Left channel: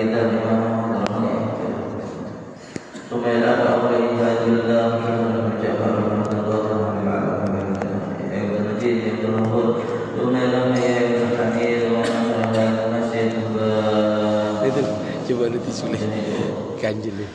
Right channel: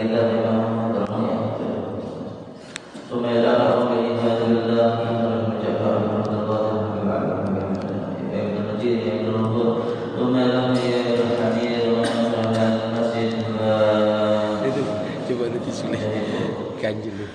Coba lebih sulit ganjil.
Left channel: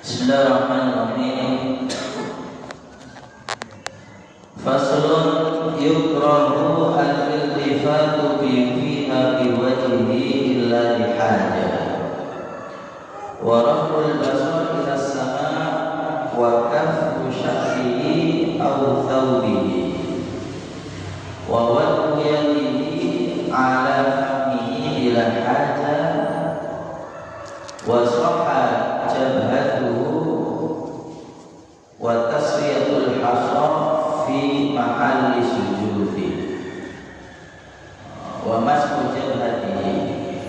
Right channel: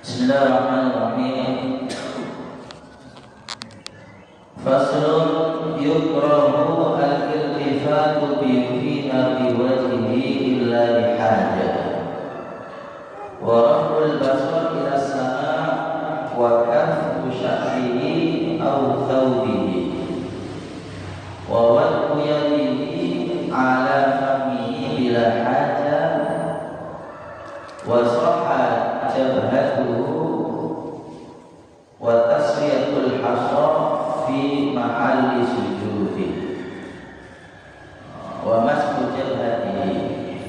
Bismillahirrahmanirrahim. Faslun yukrahu al-iltifatu fiha biwajhihi illa lihajah wa raf'ul basar ila as-sama' wa kaffu sya'rihi aw thawbihi wa wad'u yadihi ala famihi bila hajah wa sahha jabhatuhu wa taswiyatul hasar fi mahalli sujudi wa masku jabhatihi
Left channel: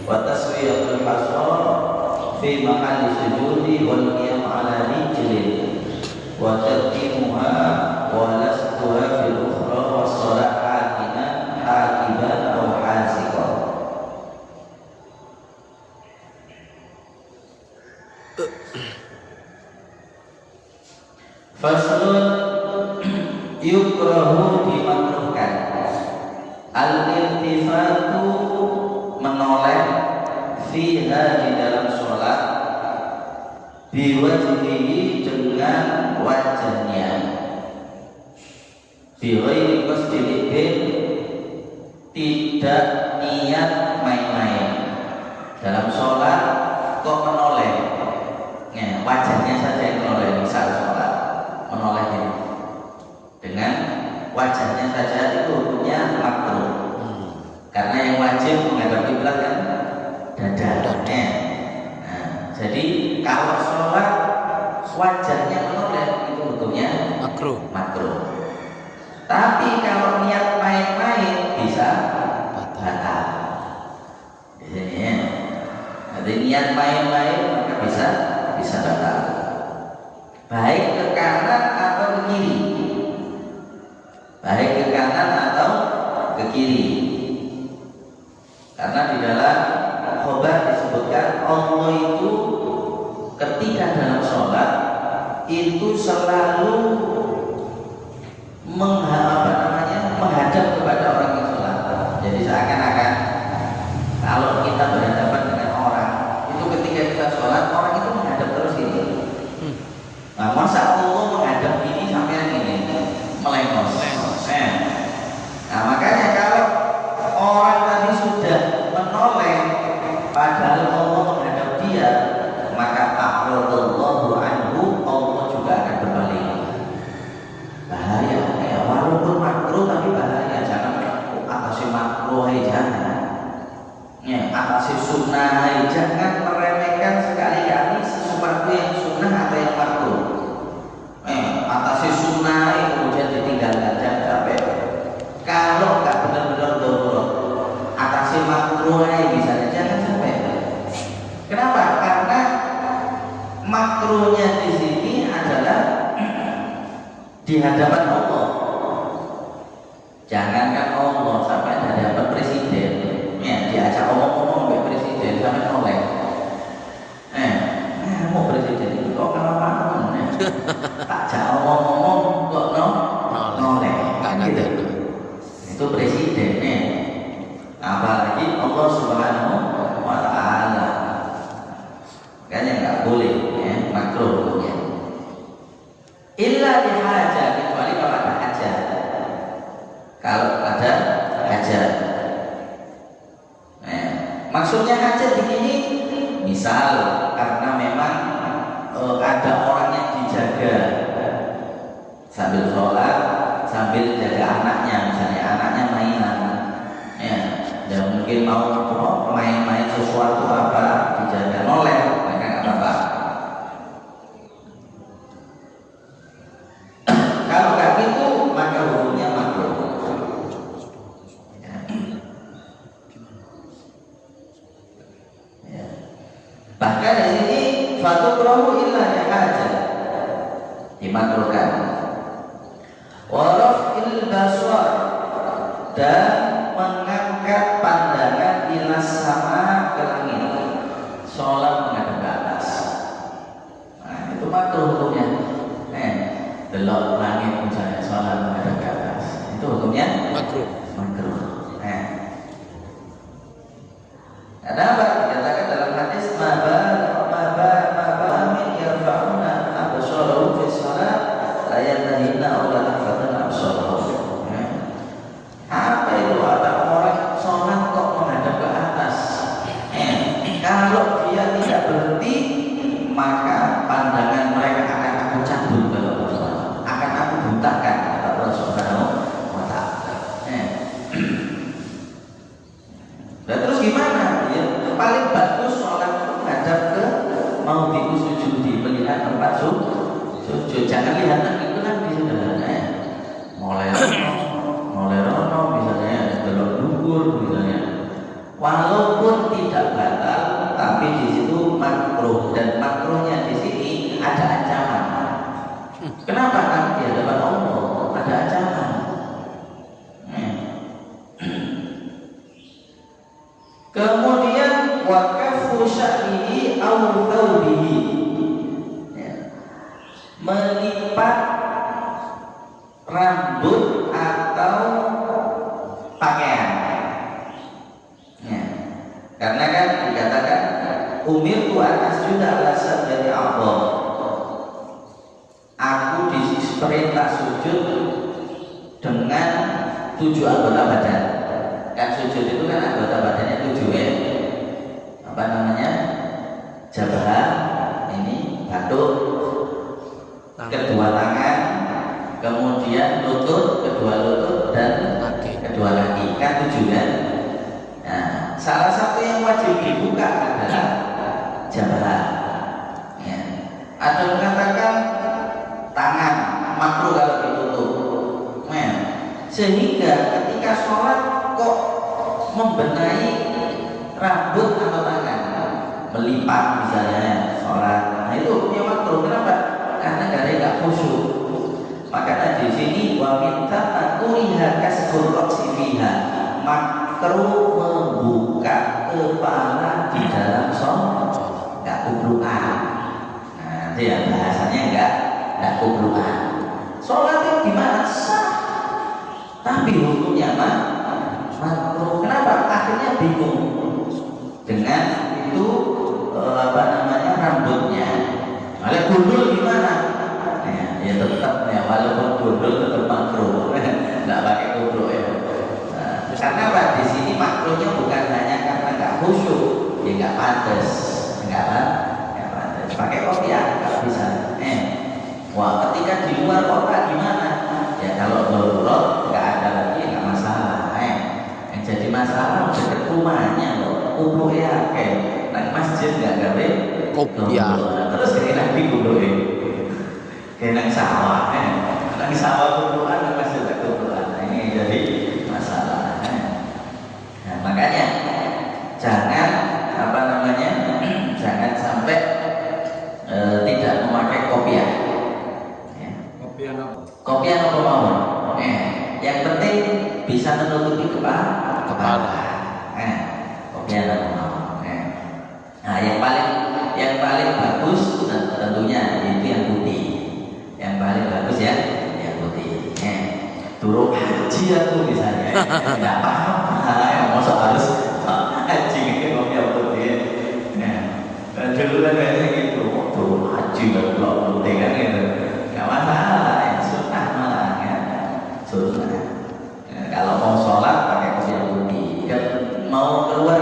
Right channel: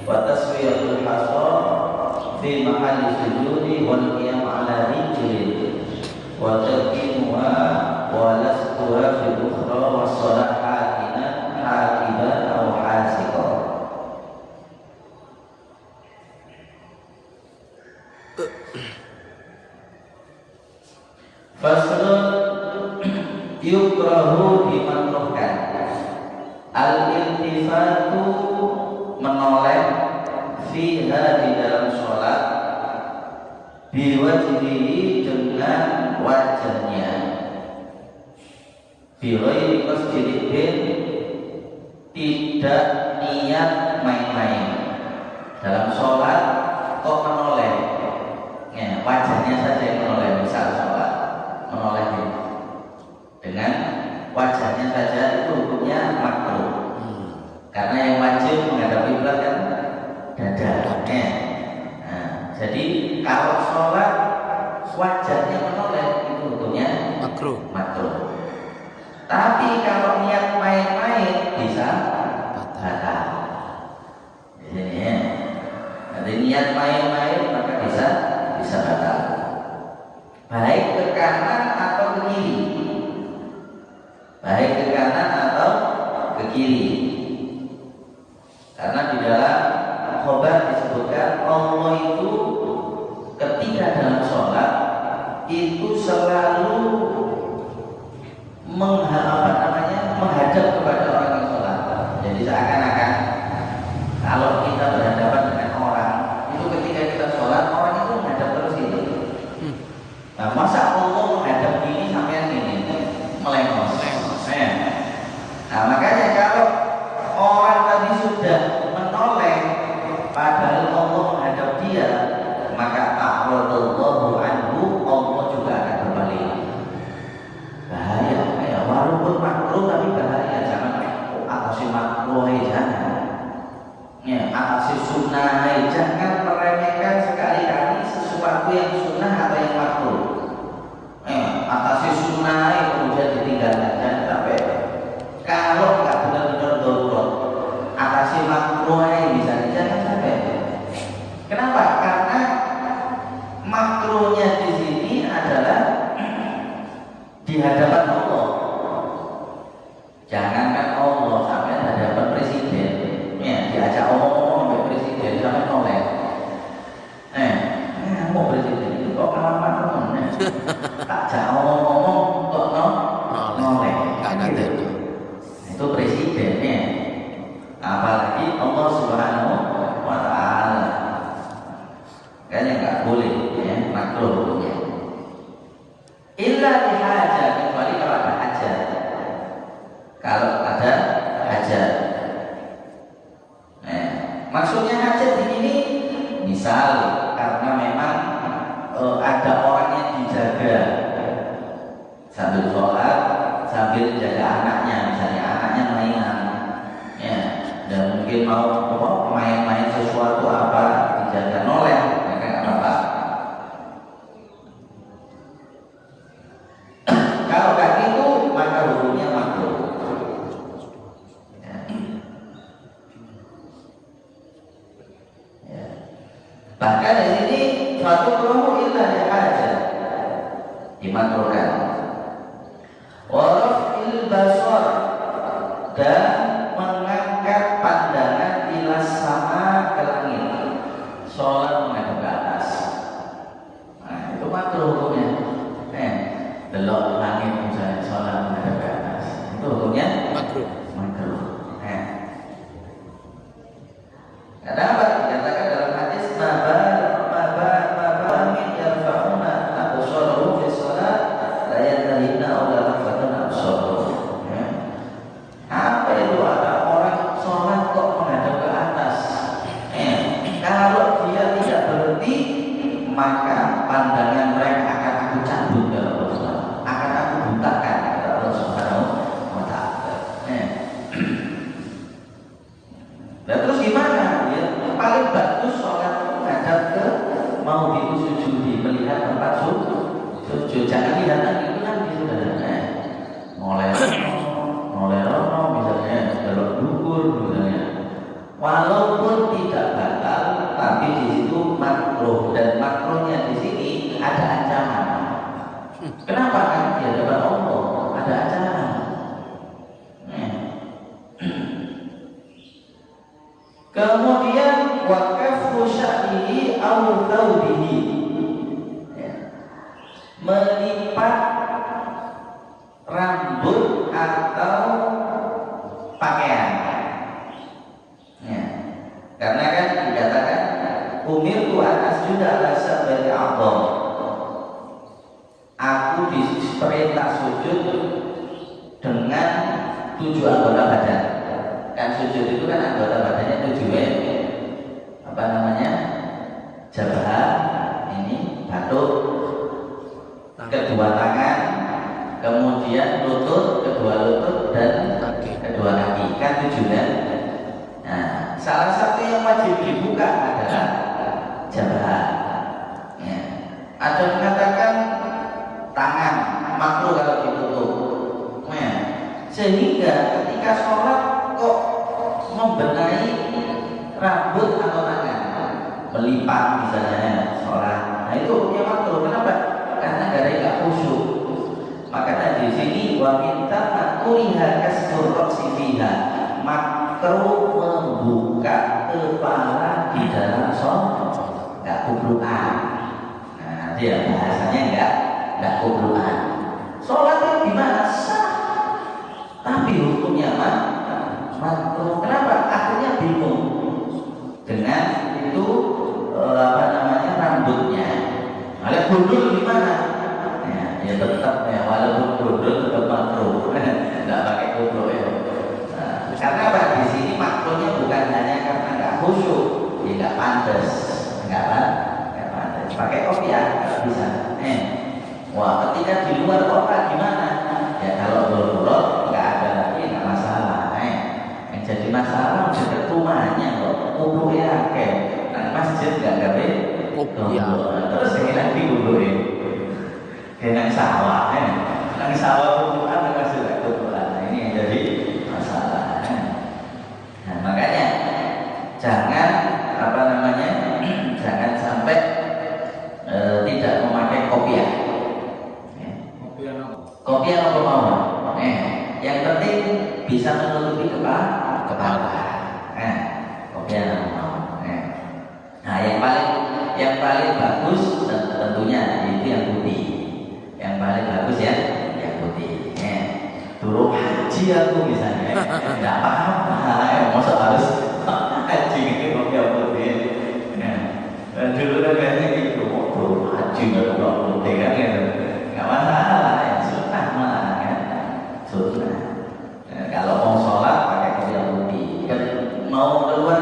wa taswiyatul hasar fi mahalli sujudi wal qiyam ala rijlin wa taqdimuha wa lasquha fil ukhra wa salat hakiban aw hasiqan. Faslun yukrahu dimakruhkan al-iltifatu menoleh fiha di dalam sholat biwajhihi dengan wajahnya biwajhi qasdilibin tidak niat main-main dalam sholat kok menoleh ya, wajahnya saja yang menoleh misal sholat menoleh ini dengan wajahnya saja itu hukumnya makruh karena yang wajib menghadap kiblat kan dadanya. Nah, jadi kalau sholat wajahnya menoleh itu hukumnya makruh. Tapi kalau niat main-main bisa batal. Jadi ya, nanti niat main-main maka bisa batal. Baik ke kanan atau ke kiri. Baik ke kanan atau ke kiri. Karena di dalam khobar disebutkan Allah itu ketika dalam sholat itu selalu menghadap kepada orang yang sholat. Jadi seakan-akan kalau kita berhadapan dengan orang itu ketika kita sholat orang itu menghadap terus gitu. Nah, masa Allah menghadap ini sampai ini melengos. Nah, makanya kalau orang tadi sudah menoleh padahal Allah menghadap dia, maka a'radallahu anhu, Allah juga akan berbalik. Bahaya ya, walaupun makruh tapi bahaya. Jangan atasi makruh jangan. Ya, atasi sunnah jangan meremehkan sekali-kali sesuatu yang sunnah atau yang makruh. Atasi sunnah kemudian ditinggalkan jangan sampai. Kalau nggak benar-benar darurat, atasi makruh misalnya jangan sampai. Kenapa? Karena makruhnya di sini adalah di hadapan Allah. Jangankan Allah sampai hadapan presiden, ya diajak ngomong dengan presiden sampai noleh. Mau presiden itu kok malam-malam ajak ngomong kok noleh. Nggak ngaten. Itu presidennya. Apalagi Allah Subhanahu wa Ta'ala. Kayaknya nggak boleh ya, makruh ya. Illa dihajat, kecuali kalau ada hajat. Kalau ada hajat. Maksudnya hajat di sini misal karena memang ada orang yang dijaga sambil sholat, sambil jaga anaknya, misalnya anaknya mainan, ya, dan mungkin mau main-main sesuatu apa dijaga noleh, kan apa-apa. Bahkan di sini fatukrahu illa lihaja, dimakruhkan. Warafil basar, dan mengangkat pandangan ila sama ke langit, sholat menghadap ke atas. Nah, itu makruh hukumnya. Belok langit misalnya, sholat menghadap ke atas, itu hukumnya makruh. makruh. Ada apa? Dikatakan dalam hadis amin yarfa'una absarahum fi shalat la yantahina aw la taqfatana absarahum. Apa itu? Ada orang sholat kok menghadap ke atas. Kalau dia tidak berhenti, maka pandangan mereka akan aku cabut dalam sholat, akan aku butakan kata Allah Subhanahu wa ta'ala. Dan terus gimana? Ya, paling bagus sholat menghadap ke mau sujudi, melihat tempat sujud. Jangan lihat itu nanti saudara. Mulai rono misalnya, belok dukur misalnya. Walaupun tidak batal, tapi di situ makruh, dan makruhnya di sini ada ancaman. Kenapa? Karena di hadapan Allah ada ancaman. Kemudian waqafu sya'rihi aw thawbihi, melipat rambut atau pakaian. Karena kan dikatakan umirtu an asjuda ala sab'ati a'dham, aku diperintah sujud dengan 7 anggota badan. Kan sujud itu kan anggota badannya 7 ya. Apa namanya? Jabah, ini batuk, kedua tangan, kemudian lutut, kedua lutut, dan kedua kaki. Kan 7 kan? Nah, salah satu yang wajib dibuka adalah jabah. Ya. Ada yang mengatakan tangan makruh kalau ditutup. Nah, sehingga ketika sholat kok membenahi rambut atau tangan, melipat misalnya sholat, nah itu hukumnya makruh. Kenapa? Karena nggak khusyuk. Maka di sini wa minta kuriha kasfur roksi fiha, makruh membuka kepala di dalam sholat, nggak kubluan. Nah, dia bahasanya nggak kubluan. Sholatnya gimana? Sah, tapi hukumnya apa? Makruh. Kenapa? Akhirnya bingung dengan itu apa namanya rambutnya. Malah gundul gimana? Ya tetap ya, walaupun gundul tetap makruh. Nggak pakai gundul ya. Nah, karena apa? Di sini makruhnya bukan hanya karena nggak khusyuk, ya nggak pantas, nggak pantas. Pakai kopiah nggak bisa. Wah, ketika di luar kota gimana? Ya kalau darurat nggak ada lagi, nggak masalah. Yang jadi masalah dekat rumahnya loh, kubu ya kayak nah, masjid nggak gawe kopiah. Terus ini nanti kuburin kayak sawah, nang sawah kuburan masih tak kuburan. Nah, ini jadi masalah. Nah, makanya jangan apa namanya, jangan sampai tidak memakai kopiah. Kopiah apa mau? Yang penting bisa menutupi kepala. Kopiah apa mau? Nah, yang paling bagus tentunya itu yang putih. Yang paling bagus ya, yang putih. Turun haji aku misalnya, nggak apa-apa. Masa harus haji itu kopiah putih. Dan dulu kan biasanya gitu, turun haji nggak putih kan gitu. Nggak masalah, ya sunnah malah kan, sunnah. Kalau mau sholat pakai kopiah putih, kan mau keluar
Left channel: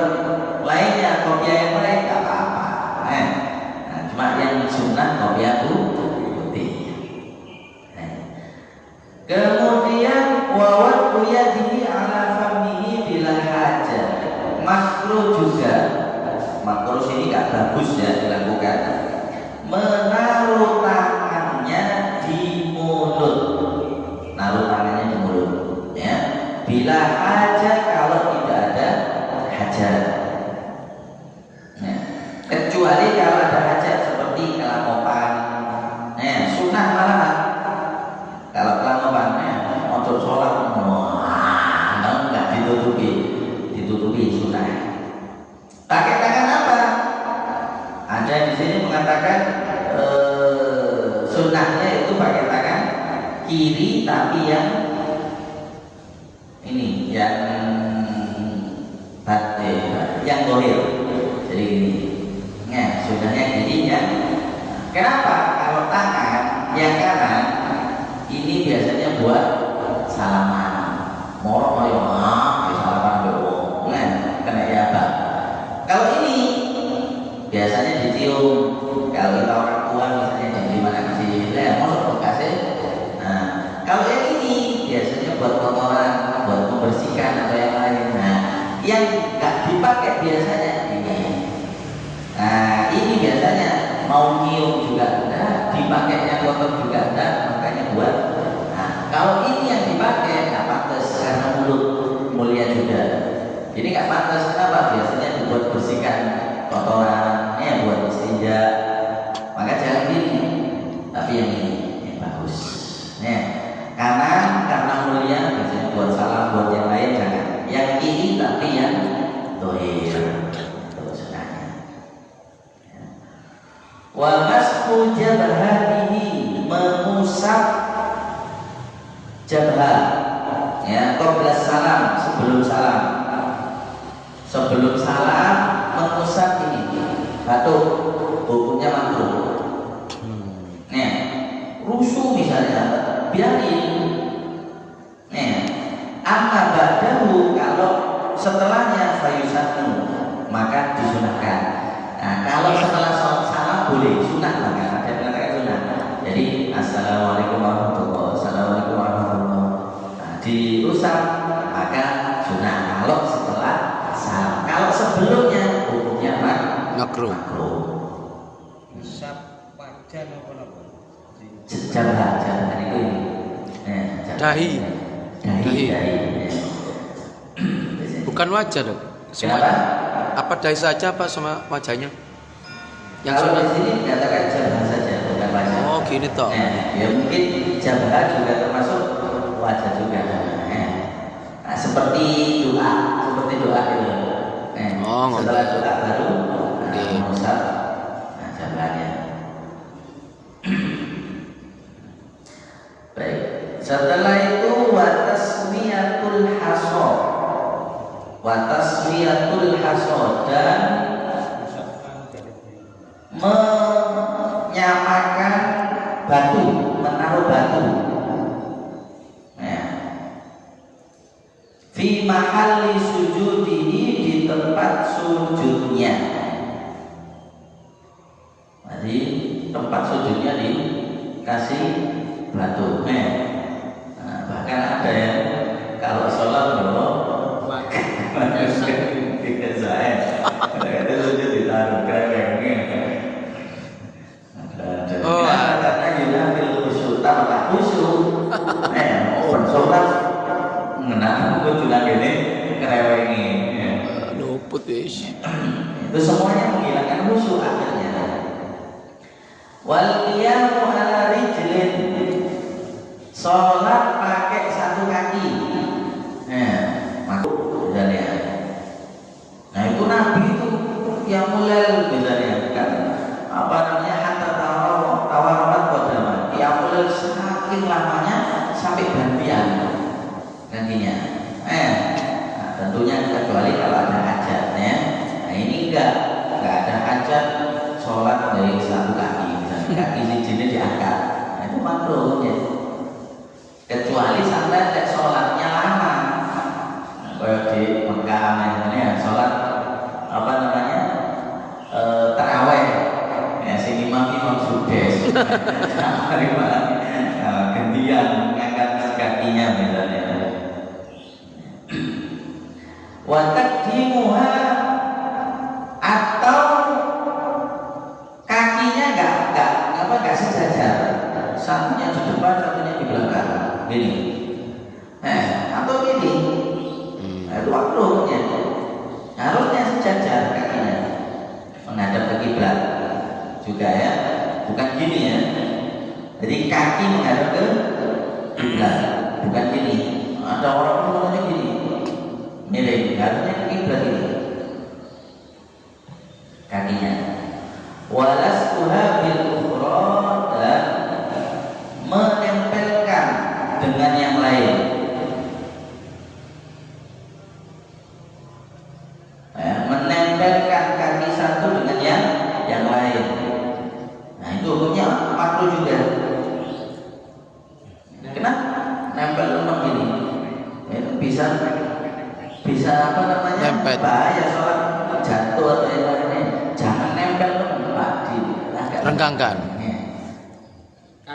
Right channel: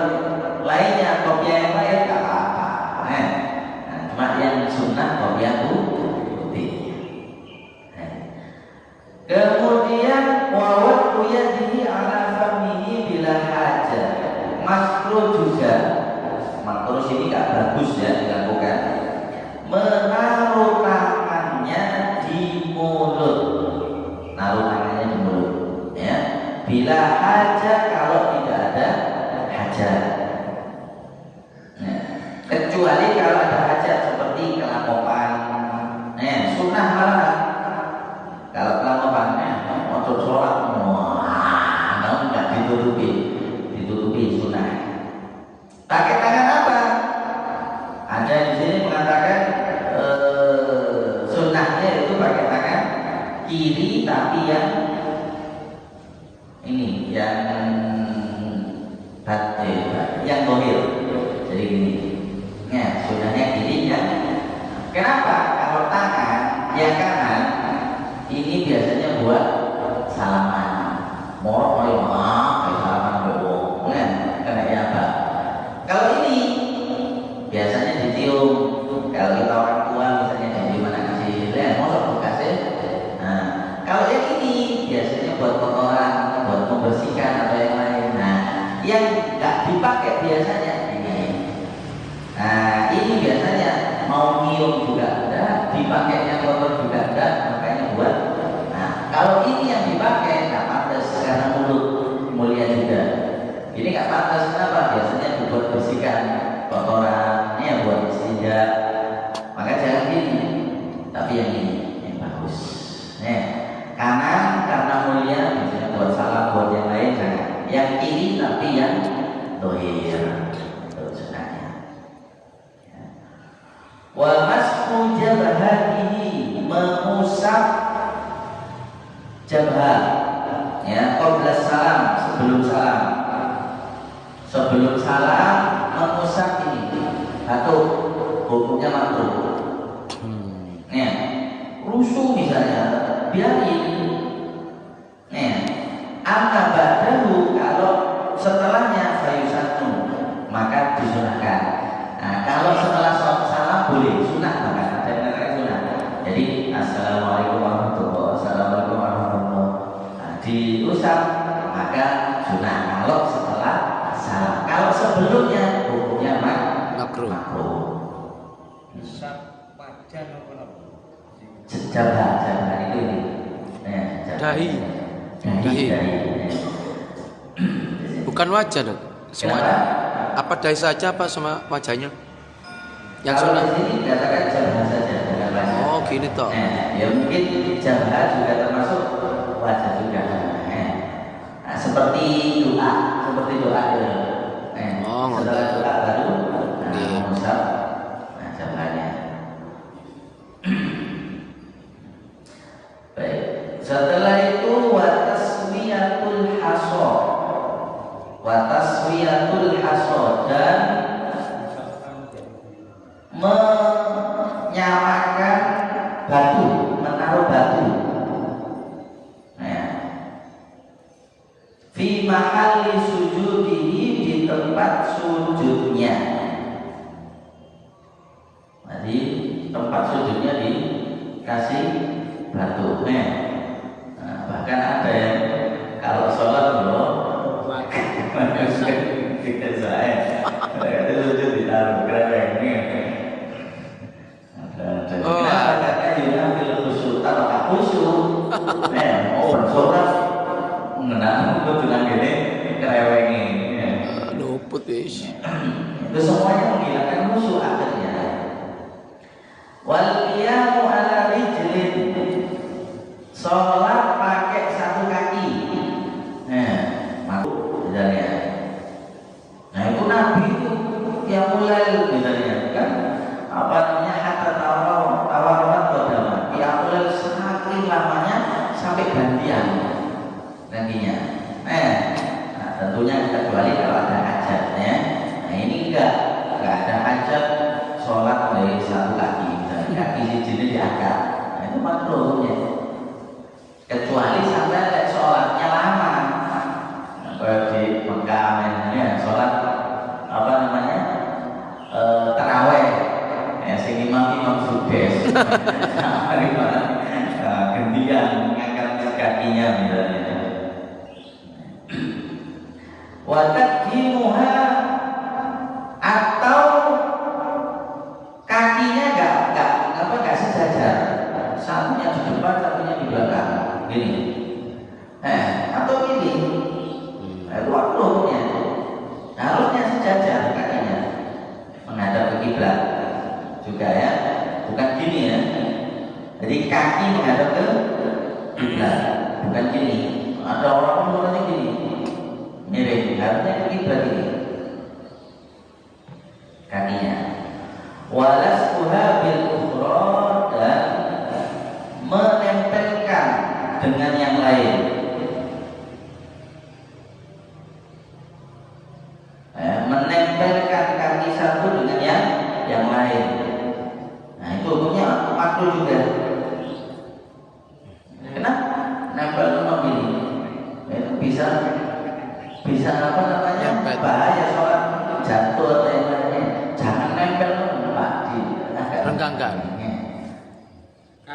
lainnya kopiah yang lain nggak apa-apa. Nah, cuma yang sunnah kopiah putih. Kemudian wawat yadihi ala famihi bila hajat, makruh juga. Makruh ini nggak bagus ya dilakukan. Menaruh tangannya di mulut, naruh tangannya di mulut, ya. Bila hajat, kalau tidak ada hajat. Kecuali kiri tapi yang ini yang dohir. Jadi gini, ya sudahnya kiri ya. Kenapa? Kalau tangan yang kanan ini biasanya buat salaman. Morok yo salaman bebo. Kena ya Pak. Kalau ini biasanya dicium. Kalau kita orang tua misalnya dicium anak kecil, ya mosok bekasnya. Nah, kalau yang ini biasanya buat kotoran, buat membersihkan atau yang lain. Nah, yang nggak dipakai biasanya ini. Nah, ini biasanya mau nyium juga enggak, dipakainya kotor juga enggak, makanya buat. Nah, kalau ini yang dipakai nggak pantas karena mulut mulia juga. Ini nggak pantas kenapa? Biasanya dibuat bersihkan kotoran, ya buat istinja. Maka jangan ini, tapi yang ini yang bagus. Ya, kanan karena mulia biasanya buat salam, buat yang lain jangan. Yang kiri tapi yang dohir. Wa mashu jabhatihi, mengusap jabhat, ya, qabla salam, sebelum salam mengusap ini batuk, hukumnya makruh. Nih, rusuh misalnya biarin. Nih, amma ba'dahu, kalau setelahnya fayusatnu maka disunahkan. Nah, kalau setelah salam boleh sunah, bahkan ada yang mengatakan sunah. Jadi assalamualaikum warahmatullahi wabarakatuh, assalamualaikum warahmatullahi wabarakatuh. Nah, diusap maka sunah kalau setelah salam. Kalau sebelumnya hukumnya makruh. Usap wajah apa nopo? Jabhat itu ini. Dahi. Bukan wajah loh. Semuanya. Apa dahi saja apa sama wajahnya? Yang Kalau di sini dikatakan jabhat saja, bukan wajah. Oh, gini toh. Ya mungkin jabhat juga termasuk wajah juga. Nah, seperti doa itu. Oh, setelah ngoten. doa baru mengusap jabhatnya. Baik. Setelah itu wataswiyatul hasod dan menyamakan batu, menaruh batu. Fi mahalli sujudihi, di tempat sujudnya. Jadi tempat sujudnya dikasih batu. Bahkan ada yang kalau sholat dulu tidak saya, ada sujud ditaruh kerengnya. Oh, karena yunafil khusyuk, tambah khusyuk. Sholat mengenal kudu ngene kerewengi. Luput wis. Itu semuanya menghilangkan khusyuk akhirnya. Wal qiyamu ala rijlin, sholat pakai satu kaki. Makruh misalnya. Nah itu Nabi itu yang mulai misalnya kan apa namanya hatta tawarat qadama. Yang mulai saking lamanya sampai gantian nantinya. Nah, tentunya kecuali kalau ada hajat ya. Nah ini enggak ada hajat sholat dari satu kaki, misalnya kaki sini diangkat. Nah itu makruhnya. Kecuali sampai ada sholatnya lama. Nah, kalau di Mekah misalnya sholat apa namanya taraweh, ya sini imam sudes, gantian mengangkat kakinya misalnya. Wa taqdimuha, atau kakinya enggak sejajar, satunya di depan satunya di belakang gini, atau gini. Itu waktunya harusnya sejajar kakinya menghadap ke kiblat juga ya, bukan gini ya. Jadi kaki menghadap ke kiblat, bukan gini. Ada orang mulanya gini, miring, harusnya ke kiblat ini kakinya. Walaskuha bil ukhra, dan menempelkan dengan yang lain. Menempelkan kaki satu dengan yang lain. Nah itu hukumnya makruh juga. Kenapa? Nempel memang gini. Itu bisa apa namanya? Nempel. Bahaya sholat jatuh atau yang lainnya. Jangan nempel Pak di agak Renggangkan.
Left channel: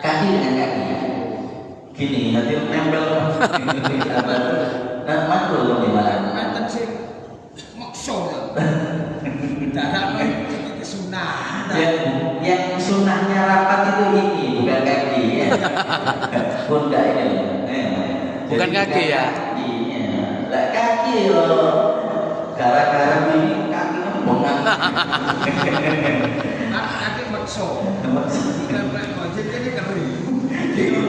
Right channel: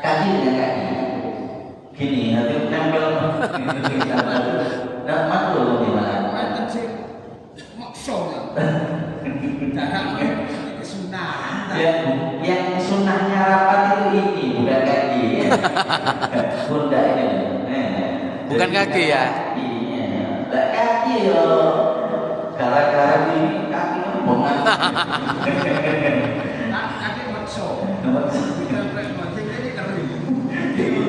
kaki dengan kaki. Gini nanti nempel. Nah makruh gimana? Mantan sih makso ya. Darahnya kesunah. Yang sunnahnya rapat itu ini bukan kaki ya. Bunda ini Bukan kaki ya? Iya. Lah kaki loh. Gara-gara ini kakinya bongan. Nanti makso. Bukan ojek ini kering. Gitu.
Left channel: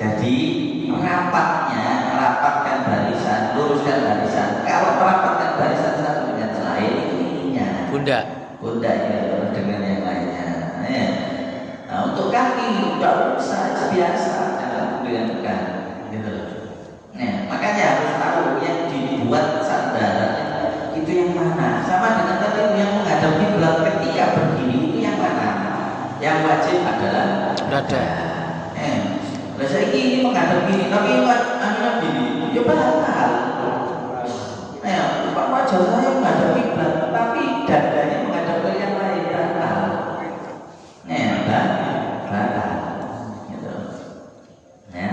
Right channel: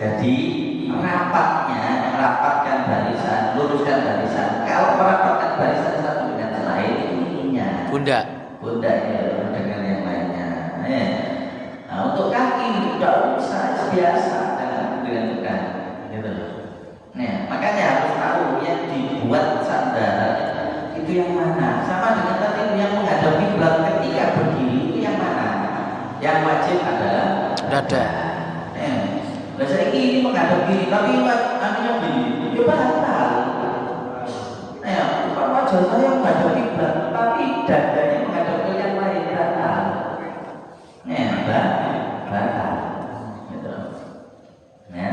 Jadi rapatkan barisan, luruskan barisan. Kalau merapatkan barisan satu dengan selain ininya. Bunda. Ya, dengan yang lainnya. Ya. Nah, untuk kaki tidak usah biasa dengan tekan, gitu loh. Nah, makanya harus tahu yang dibuat sandarannya itu yang mana. Sama dengan tadi yang menghadap kiblat ketika berdiri itu yang mana. Yang wajib adalah Dada. Nah, saya ini menghadap gini, tapi anunya gini, ya batal. Nah, wajah saya menghadap kiblat, tapi dadanya menghadap ke yang lain batal. Batal. Gitu. Ya.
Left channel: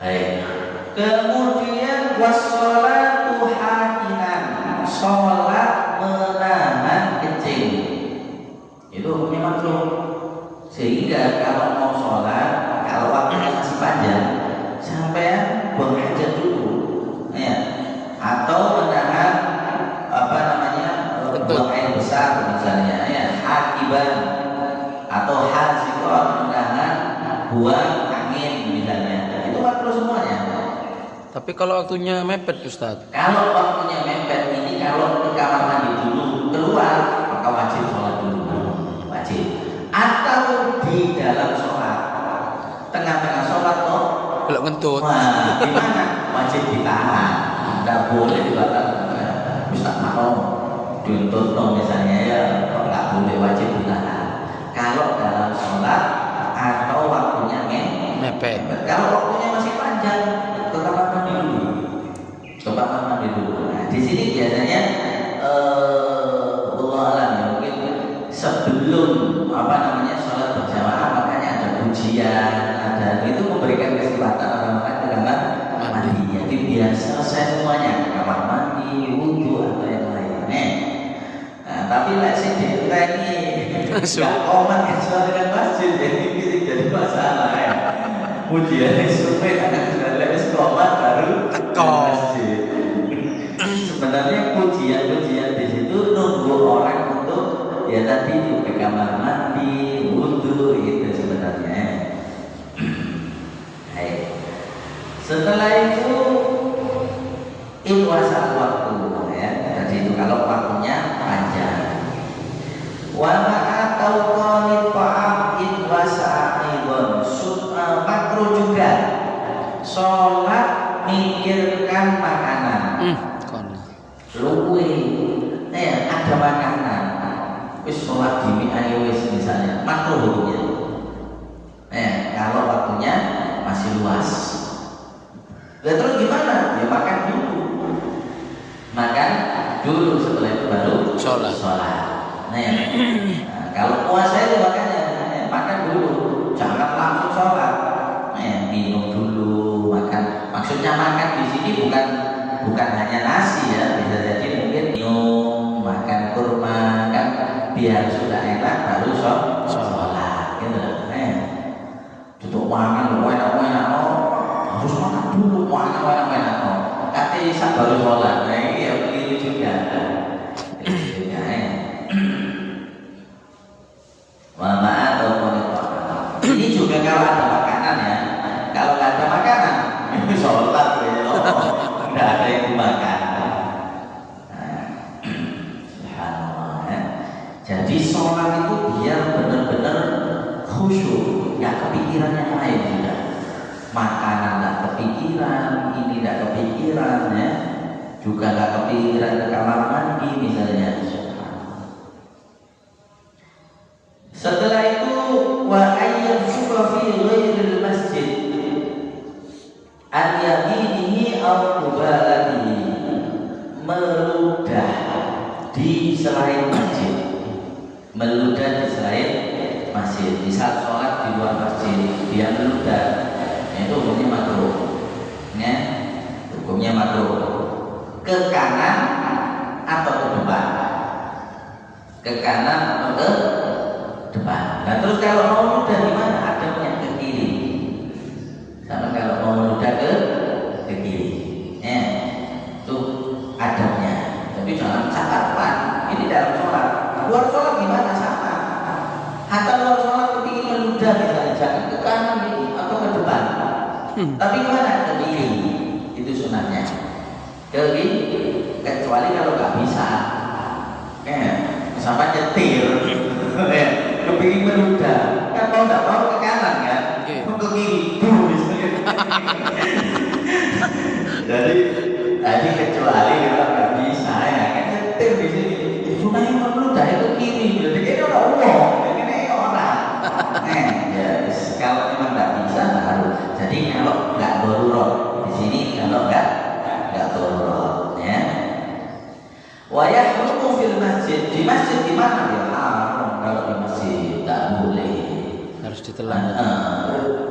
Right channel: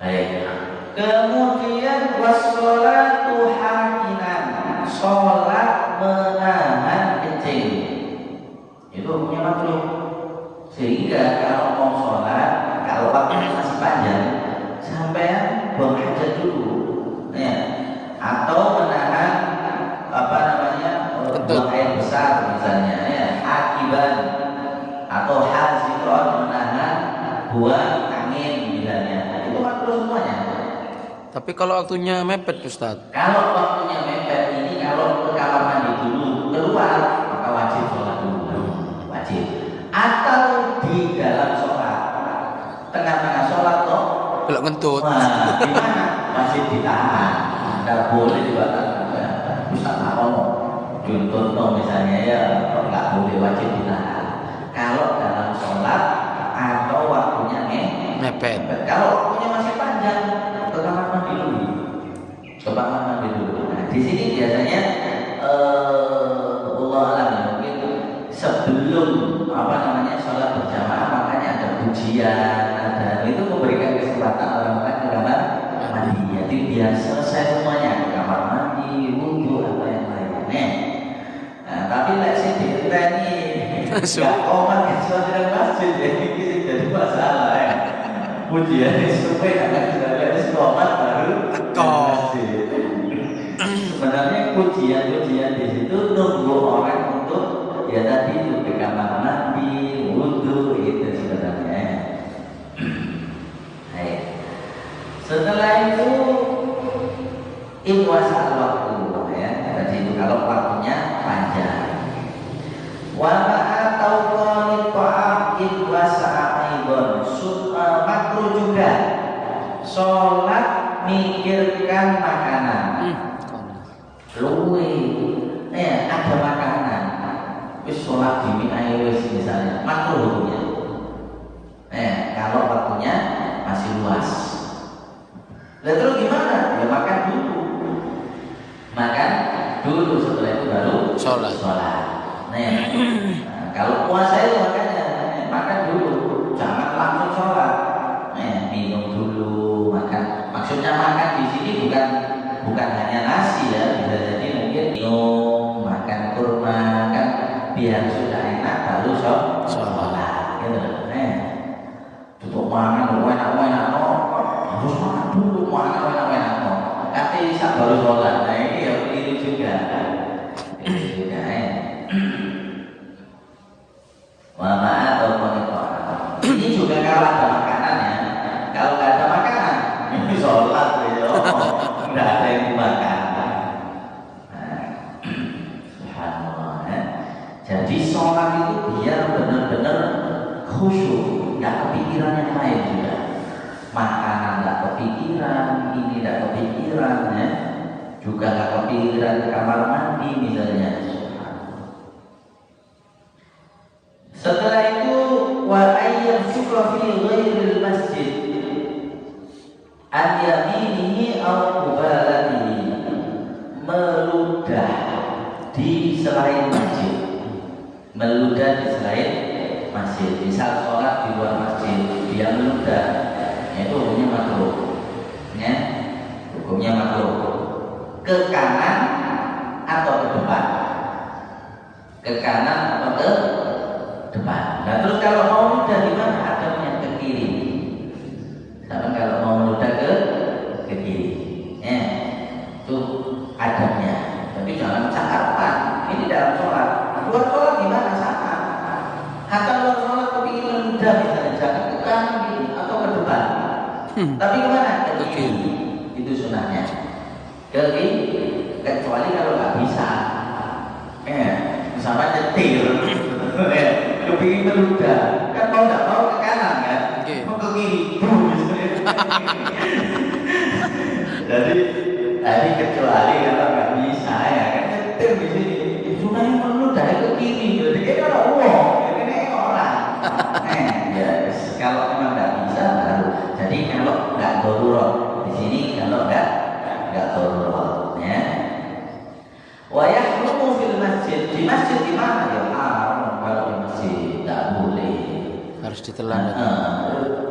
Baik. Kemudian wassolatu hakinan, sholat menahan kencing. Itu hukumnya makruh. Sehingga kalau mau sholat, kalau waktunya masih panjang, sampai buang hajat dulu, ya. Atau menahan buang air besar misalnya, ya. Akibat atau hazikon menahan buang angin misalnya, itu makruh semuanya. Tapi kalau waktunya mepet Ustaz. Kalau waktunya mepet ini, kalau ke kamar mandi dulu keluar, maka wajib sholat dulu, wajib. Atau di dalam sholat, tengah-tengah sholat toh, Belok ngentut. wah, gimana? Wajib ditahan, tidak boleh dibatalkan. Bisa mau dituntut misalnya ya, nggak boleh, wajib ditahan. Kalau dalam sholat atau waktunya Mepet. kalau waktunya masih panjang, ke kamar mandi dulu. Ke kamar mandi dulu. Nah, di sini biasanya Allah alam ya, mungkin sebelum sholat berjamaah, makanya ada pujian, ada itu memberikan kesempatan orang-orang ke kamar mandi. Jadi biar selesai semuanya, ke kamar mandi, wudhu atau yang lainnya. Nah, tapi sih diteni nggak komat yang sholat dengan masjid, jadi masalah ya. Pujian instrumen akan jalan komat baru masjid. Sebenarnya pujian di situ nunggu orang untuk ya tadi itu ke kamar mandi, wudhu itu sebenarnya. Baik. Setelah itu ikhwasa waktu ya. Jadi itu kalau waktunya panjang. Wa atau qalit ta'am ikhwasa aidon makruh juga sholat mikirkan makanan. Luwe, ya ada makanan. Wis sholat di wis misalnya, makruh hukumnya. Kalau waktunya masih luas. Lalu terus gimana? Ya makan dulu. Makan dulu, setelah itu baru Sholat. Kalau puasa itu makanya makan dulu, jangan langsung sholat. Minum dulu, makan. Maksudnya makan di sini bukan hanya nasi ya, bisa jadi mungkin minum, makan kurma kan, biar sudah enak baru sholat gitu. Untuk makan enak-enak harus makan dulu, makan enak-enak tapi bisa baru sholat. Nah ini ya keliru juga. Ini juga kalau ada makanan ya. Kalau nggak ada makanan, ini sholat ya. Nggak ada yang dimakan. Subhanallah. Jadi sholat itu biar benar-benar khusyuk, nggak kepikiran yang lain sudah. Makanan nggak kepikiran, ini nggak kepikiran, ya. Juga nggak kepikiran ke kamar mandi misalnya. Setelah itu wa ayyam syukra fi ghairil masjid an yaminihi aw mubalatihi, meludah di selain masjid, meludah di selain masjid. Misal sholat di luar masjid dia meludah, itu hukumnya makruh, ya, hukumnya makruh. Ke kanan atau ke depan, ke kanan atau ke depan. Nah terus kalau mau meludah di mana? Adabnya ke kiri. Sama kalau mau meludah ke kiri, ya, itu adabnya. Tapi jangan catatan. Ini dalam sholat. Luar sholat gimana sama? Hatta luar sholat kepingin meludah misalnya, jangan ke kanan gitu atau ke depan. Tapi kemana? Ke kiri. Itu sunahnya. Ke kiri. Kecuali kalau nggak bisa, misalnya nyetir, kepingin meludah, kan mau nggak mau ke kanan kan, mau ke kiri, jadi kecuali kalau nggak bisa ya kan nyetir di sini, cuma yang meludah ke kiri, jadi kita nggak uang, ini orang, ya kalau memang nggak bisa baru, jadi kalau nggak darurat di sini, kalau nggak darurat, ya. Wa yahrumu fil masjid, di masjid di mana ya? Kalau di masjid tidak boleh, harus ditelan.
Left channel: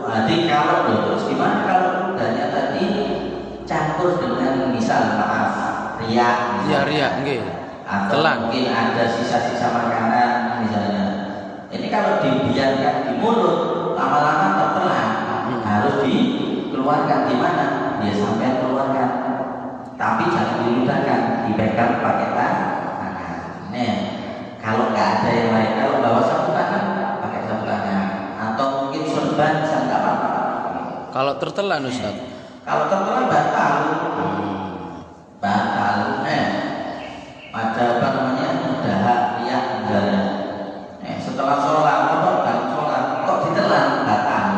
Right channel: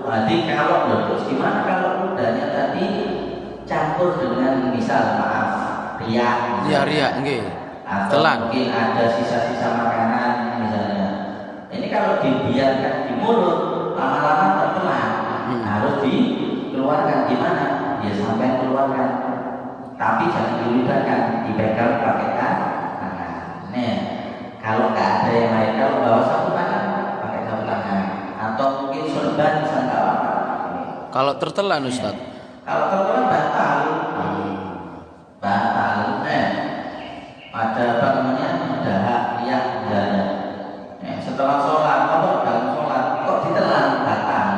Jadi kalau terus gimana kalau ludahnya tadi campur dengan misal maaf riak, nggih. atau Telan. mungkin ada sisa-sisa makanan misalnya. Ini kalau dibiarkan di mulut lama-lama tertelan, harus dikeluarkan. Gimana? Ya sampai keluarkan. Tapi jangan diludahkan, dipegang pakai tangan. Nah, kalau nggak ada yang lain, kalau bawa sapu tangan, pakai sapu tangan, atau mungkin sorban bisa nggak apa-apa. Kalau tertelan Ustaz. Kalau tertelan batal, batal. Ada apa namanya? Dahak, riak, misalnya. Setelah sholat, kalau balik sholat, kok ditelan batal.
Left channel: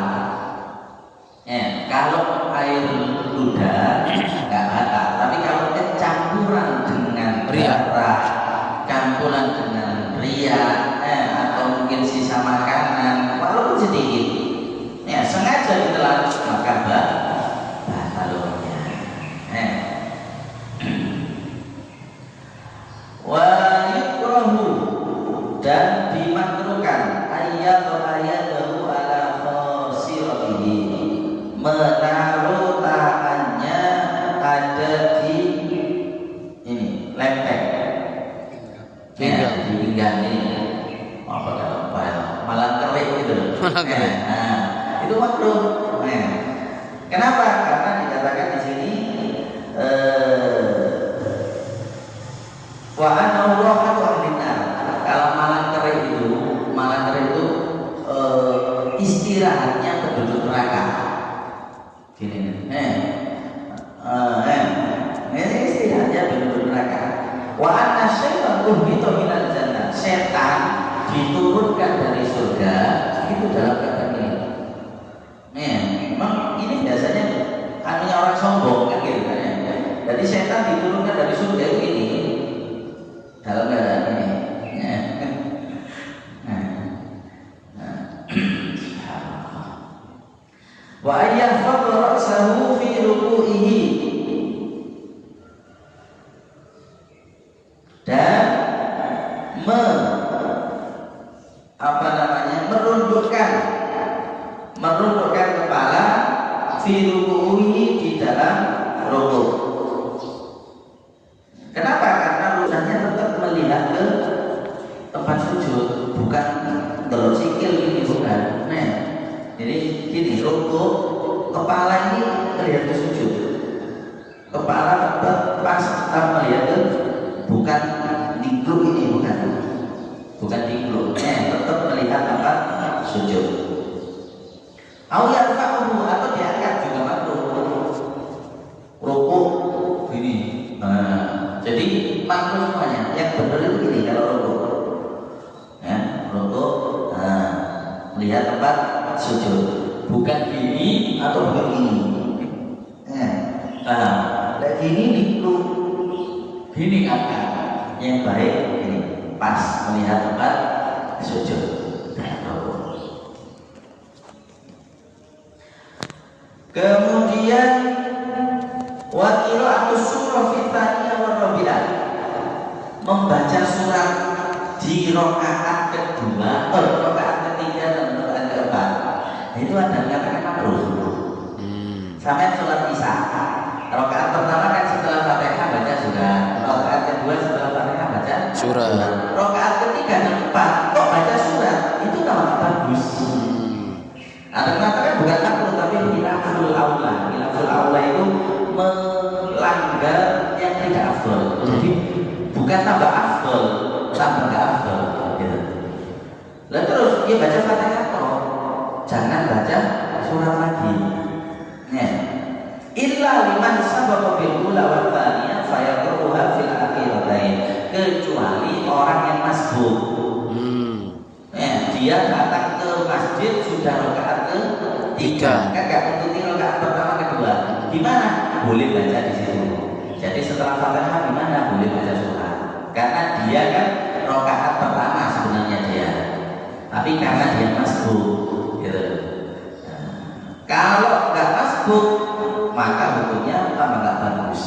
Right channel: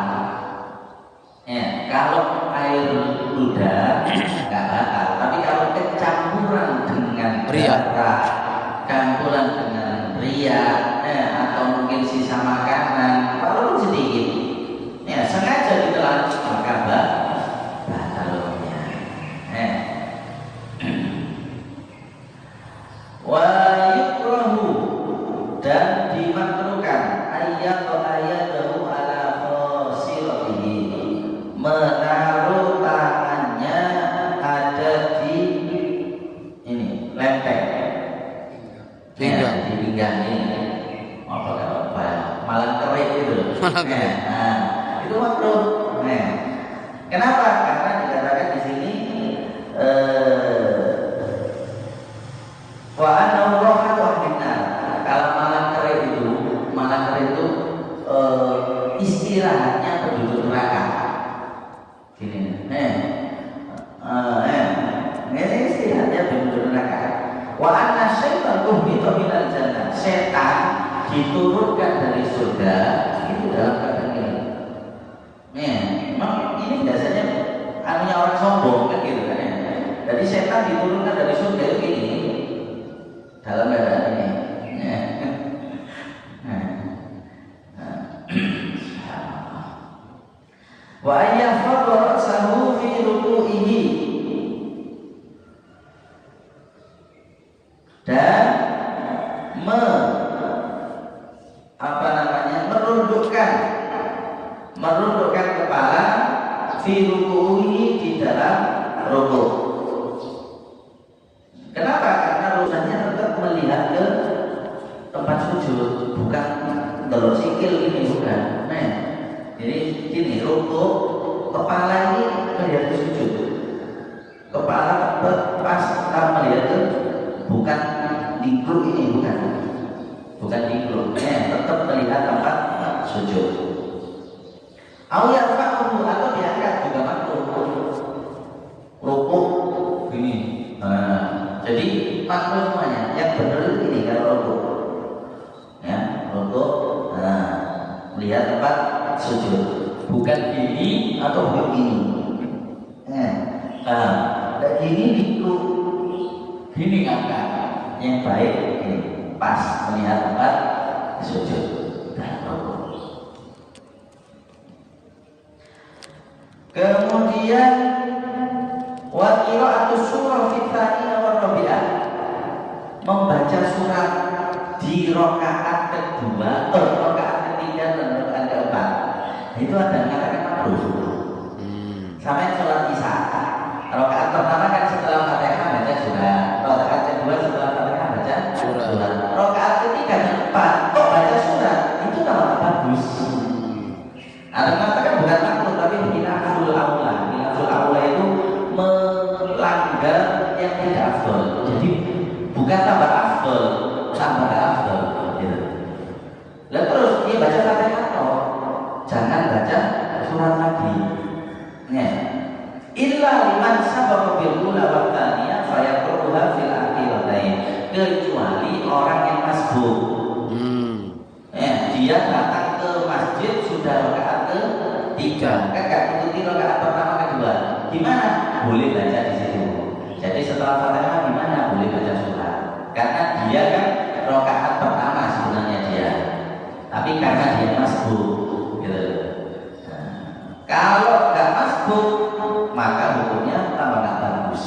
Kalau air ludah nggak batal. Campuran dengan darah, campuran dengan ria, atau mungkin sisa makanan, walaupun sedikit, ya sengaja ditelan maka batalnya. Wa yukrahu, dan dimakruhkan ayatahu ala khasiratihi, menaruh tangannya ada di pinggang, di pinggang ini, malah kerik gitu. Itu makruh. Kenapa? Karena dikatakan di sini wa ana Allahu ahlina. Kalau malah kerik itu istirahatnya penduduk neraka. Gini. Ini istirahatnya penduduk neraka. Wa anna syaitan tuhbitu minal jannah, setan diturunkan dari surga itu dalam keadaan ini. Memang ini biasanya anunya orang sombong kan gitu kan ya. Jadi setan diturunkan dari surga ini dalam keadaan ini. Wa ayyafadha ra'sahu fi ruku'ihi, dan merundukkan kepala fi ruku'ihi, di dalam rukuk. Kenapa? Karena urusannya tetap melihat ke tempat sujud, bukan delok sikil ini, bukan. Jadi gini, rukuk kepala ini melihat ke sujud, kepala pas melihat ke, bukan dingkluk ini, bukan dingkluk, tetap melihat tempat sujud. Awal fakuru, atau diangkat juga makruh. Rukuk gini, jadi makruh semuanya. Yang benar itu gini kalau rukuk, rukuk, Lihat tempat sujud. Bukan gini atau bukan gini. Dan gini itu gini kakak. Yang baik ini pas melihat tempat sujud. Kemudian wa qira'atus surah fi tsaniyah wa rabi'ah, membaca surat di rakaat kedua, rakaat ketiga dan rakaat keempat. Itu ada yang mengatakan makruh. Sampai sholat isya, rakaat pertama kan setelah Fatihah baca surah, rakaat kedua setelah Fatihah baca Surah. rakaat ketiga dan keempat kok baca surah, itu kalau bagus. Ada yang mengatakan bukan makruh tapi khilaful aula. Khilaful aula itu melanggar yang tidak afdol. Jadi bukan tambah afdol, tambah tidak afdol. Gitu. Lalu terus dia baca Fatihah toh, jangan baca surat lagi. Ya. Illa liman sabaqa bil ula wa tsaniyah fa yaqra'uha fil akhiratain. Kecuali orang yang masbuk. Dia datang ke masjid sudah rakaat ketiga, kakak ikuti rakaat pertama kedua. Di mana? Boleh baca di situ. Jadi setelah Fatihah di mana? Boleh baca surah. Karena dia kan rakaat pertama sebenarnya dia. Tapi karena dia masbuk, gitu. Kalau nggak masbuk, maka hukumnya tambah nggak bagus.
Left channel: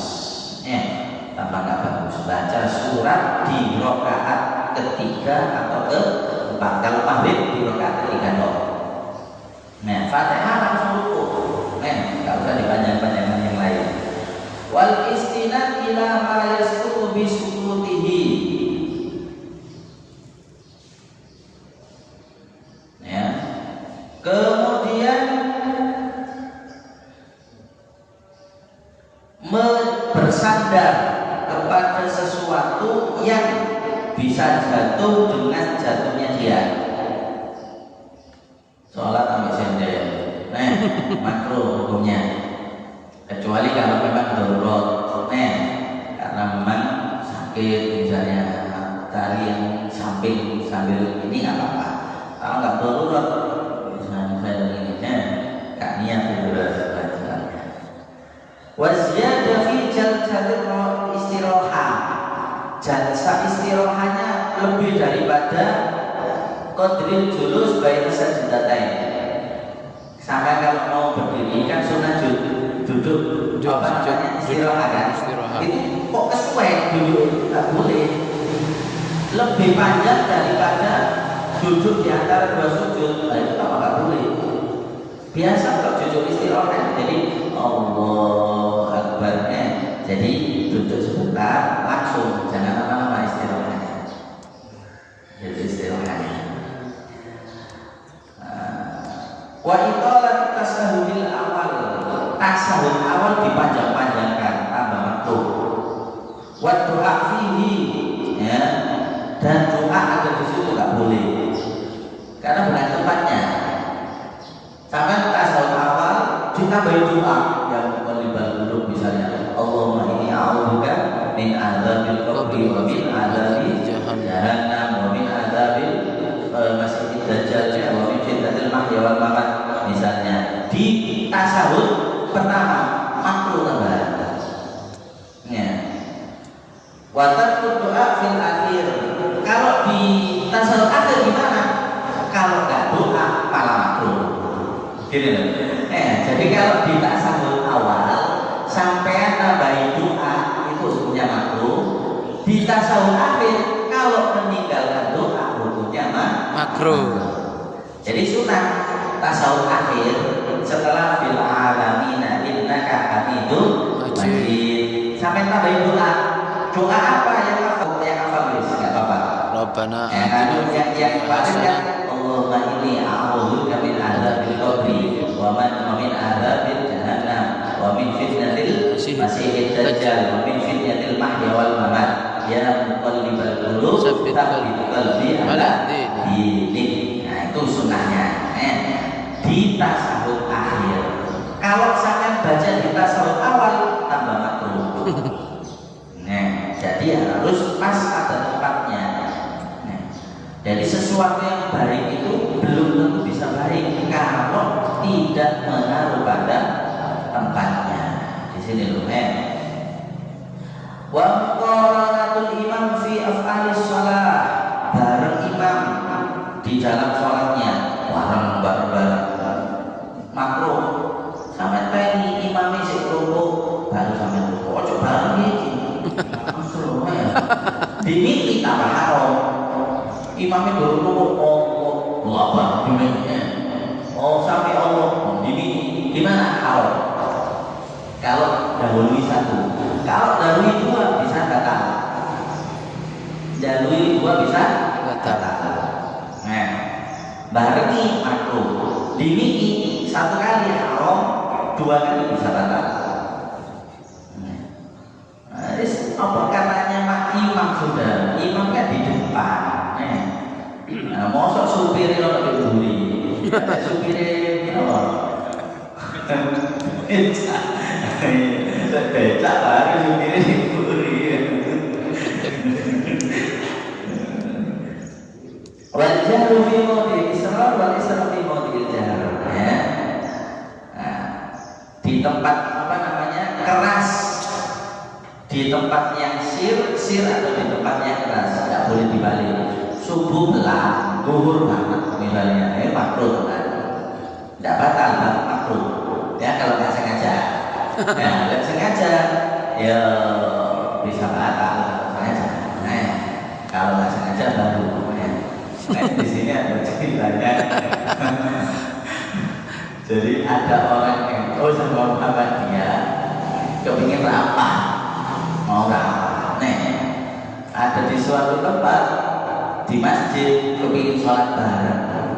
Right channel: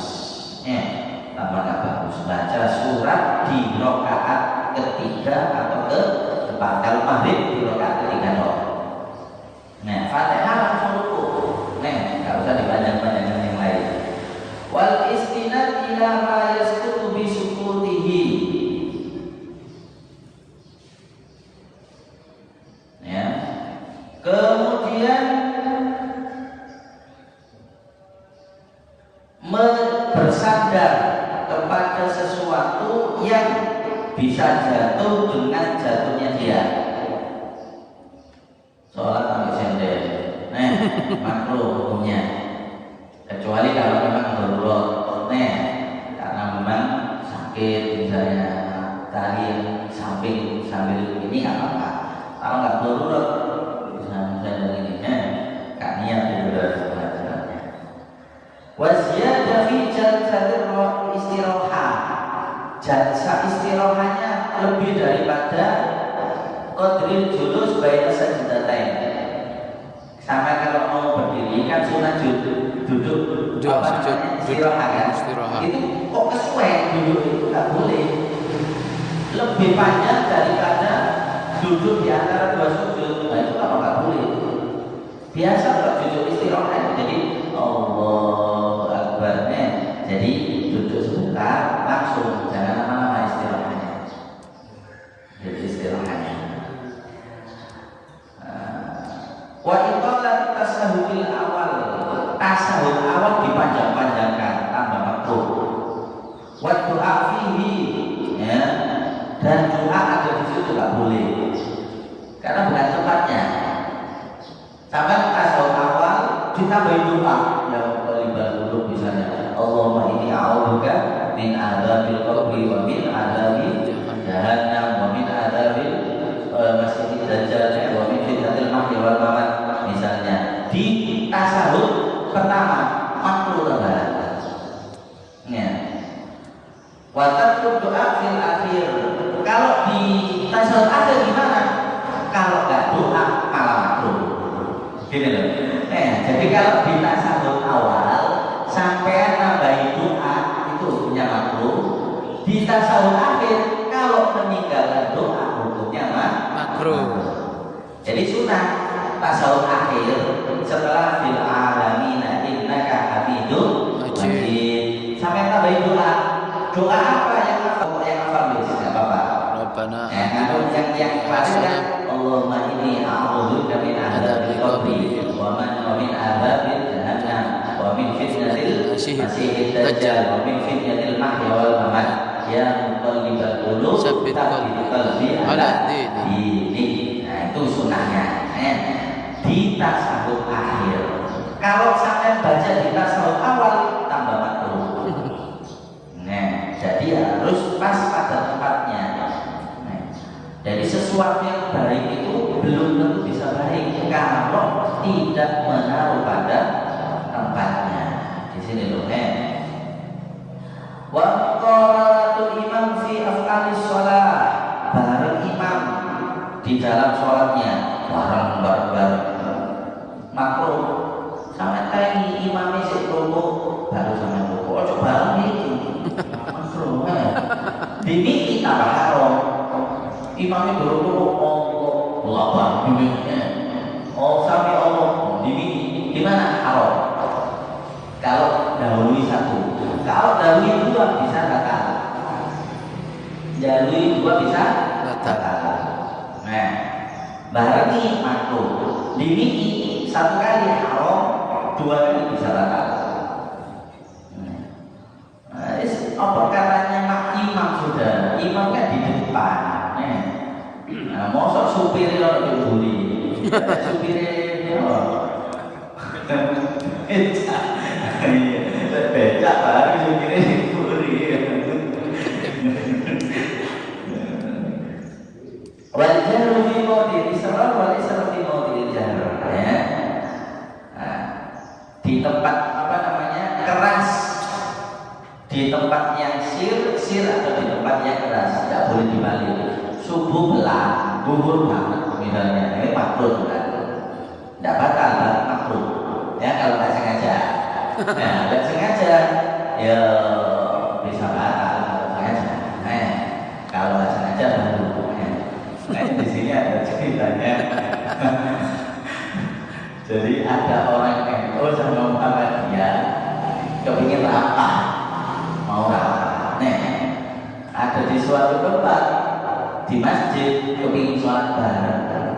Tambah nggak bagus. Baca surat di rakaat ketiga atau keempat. Kalau maghrib di rakaat ketiga dong. Nah, Fatihah langsung rukuk. Nggak usah dipanjang-panjangkan yang lain. Wal istinad ila ma yasqutu bi sukutihi. Ya. Kemudian bersandar kepada sesuatu yang bisa jatuh dengan jatuhnya dia. Sholat ambil sender, makruh hukumnya. Kecuali kalau memang darurat, karena memang sakit misalnya tadi yang samping sambil ini nggak apa-apa. Kalau nggak darurat, misalnya ini, nggak niat darurat sebenarnya. Waziyada fi jalsatil istirahah. Jalsa istirahahnya lebih daripada qadril julus baina sajdatain. Sama kalau mau berdiri kan sunah duduk apa namanya istirahat kan. Itu kok kesuai duduk itu nggak boleh. Lebih panjang daripada duduk di antara dua sujud. Nah itu nggak boleh. Biasa kalau duduk istirahat jadi Allah Akbar, jadi duduk sebentar langsung, jangan lama-lama istirahatnya. Jadi istirahatnya. Wa iqalat tasahudil awal, tasahud awal dipanjang-panjangkan, tambah makruh. Wa doa fihi, ya, dan doa ada di situ nggak boleh, karena bukan tempatnya. Sama tasawuf awal kita berdoa yang terlibat duduk misalnya Allahumma inni a'udzubika min adzabil qabri wa min adzabi jahannam wa min adzabil masjidid dajjal wa min fitnatil mahya wal mamat misalnya. Di tasawuf pertama makruh tambahan. Ya. Wa tarku doa fil akhir. Kalau di tasawuf akhir gimana? Kalau enggak doa malah makruh. Gitu loh. Jadi kalau di tasawuf awal sampai nambahin doa itu hukumnya makruh. Di tasawuf akhir kalau meninggalkan doa hukumnya makruh. Jadi sunnah tasawuf akhir setelah bil alamina innaka hamidum majid sampai nambahin doa. Doa apa yang hafal enggak apa-apa. Rabbana yang Allahumma inni a'udzubika min adzabil qabri wa min adzabil jahannam wa min fitnatil masiihid dajjal wa min fitnatil mahya wal mamat ya muqallibal qulub tsabbit qalbi ala dinik. Nah itu sunnahnya. Di tasawuf akhir. Kalau sampai baca di tasawuf awal tambah makruh. Jadi harus pas pada tempatnya. Jadi sesuatu yang baik itu belum tentu bisa baik kalau tidak menaruh pada tempatnya. Di sini loh, wa qaratul imam fi af'alis shalah, bareng imam di dalam sholatnya bareng makruh. Sampai tadi imamnya sik rukuk baru sampai rukuk, ojo bareng iki langsung dimiki tambah haram. Imamnya rukuk Allah dimiki, sampai Allah dimiki, gimana haram? Kalau dahului satu, kalau dahului dua bisa batal. Dahului dua bisa batal. Nah, barengi makruh, dimiki satu kali haram, dua kali bisa batal. Nah, apa katanya mak imam sudah, imamnya di depan. Nah, mosok supir lo diburi, supir becak lagi supirnya diburi. Wajah rufi modi Israel wali seperti modi jar, ya. Nah, di tempat apa namanya keras, di tempat yang sir atau di tempat yang keras tidak boleh dibalik. Subuh belah, duhur banget misalnya, ini makruh kan? Tidak batal, makruh. Ya kalau nggak sengaja, ya nggak sengaja, ya bisa batal kalau sengaja. Nah, kalau nggak sengaja baru. Di sini ada ceritanya. Jadi ada orang NU sama Muhammadiyah kepingin rapah, mau rapah. Ada di suatu tempat di masjid kepingin sholat bareng.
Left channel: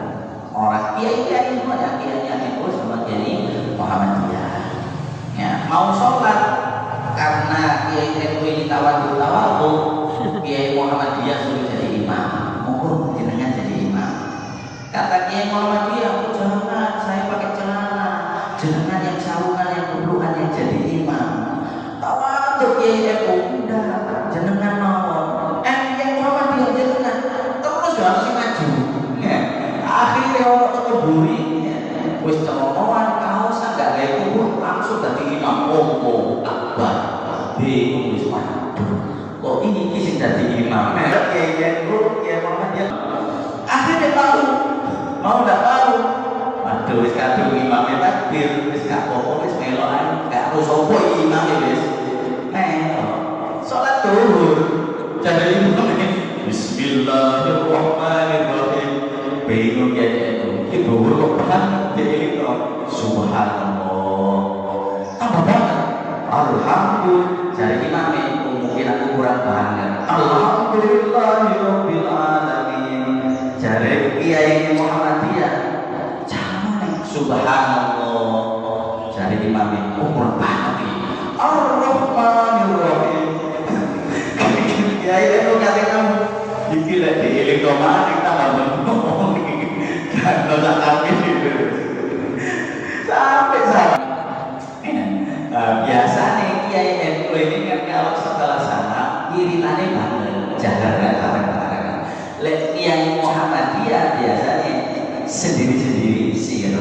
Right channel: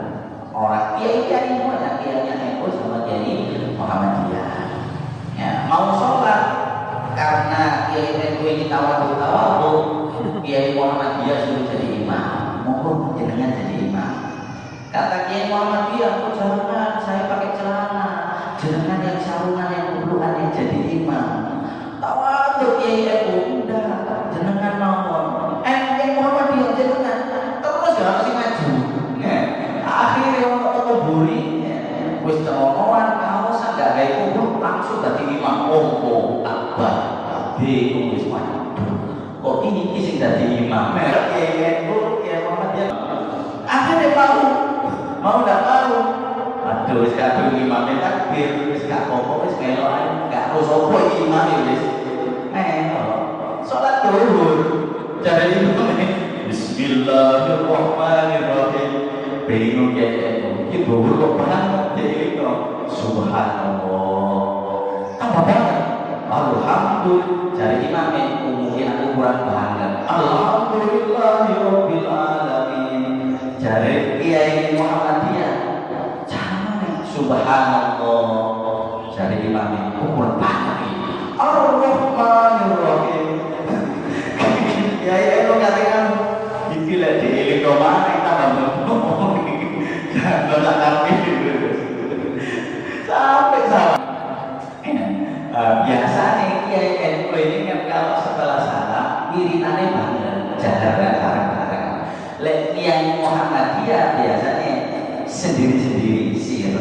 Orang kiai mana kiainya NU sama kiai Muhammadiyah. Ya, mau sholat karena kiai NU ini tawadu, kiai Muhammadiyah suruh jadi imam. Mungkin jenengan jadi imam. Kata kiai Muhammadiyah, jangan, saya pakai celana. Jenengan yang sarungan yang kubruan yang jadi imam. Tawadu kiai NU udah, jenengan nomor. Kiai Muhammadiyah jenengan terus gak mesti maju. Akhirnya orang ketuburi, wis cemomoan kaosan gak gaya kubur langsung jadi imam. Oh, akbar. Bingung wis waduh. Oh ini kisah dari imam. Kiai Muhammadiyah akhirnya mau nggak tahu. Aduh, wis kadung imamnya takbir, wis gak apa-apa, wis melokan, gak sopo imamnya wis. Sholat zuhur, jadi imamnya Bismillahirrahmanirrahim. Bingung ya itu zuhur kok banget jadi Subhanallah. Apa banget? Alhamdulillah. Jadi imamnya mungkin aku kurang banget. Alhamdulillahirabbil alamin. Jadi kiai Muhammadiyah jangan subhanallah. Jadi imamnya kurang banget. Ar-Rahmanir-Rahim. Kiai itu katakan dipilih di elektromatik tambah ngomong. Enggak tak kami sampai salah. Biasanya kiai NU ini kan kalau setelah salah wiritannya bareng, jalan nggak bareng-bareng. Lek kiai Muhammadiyah biasanya sendiri-sendiri sir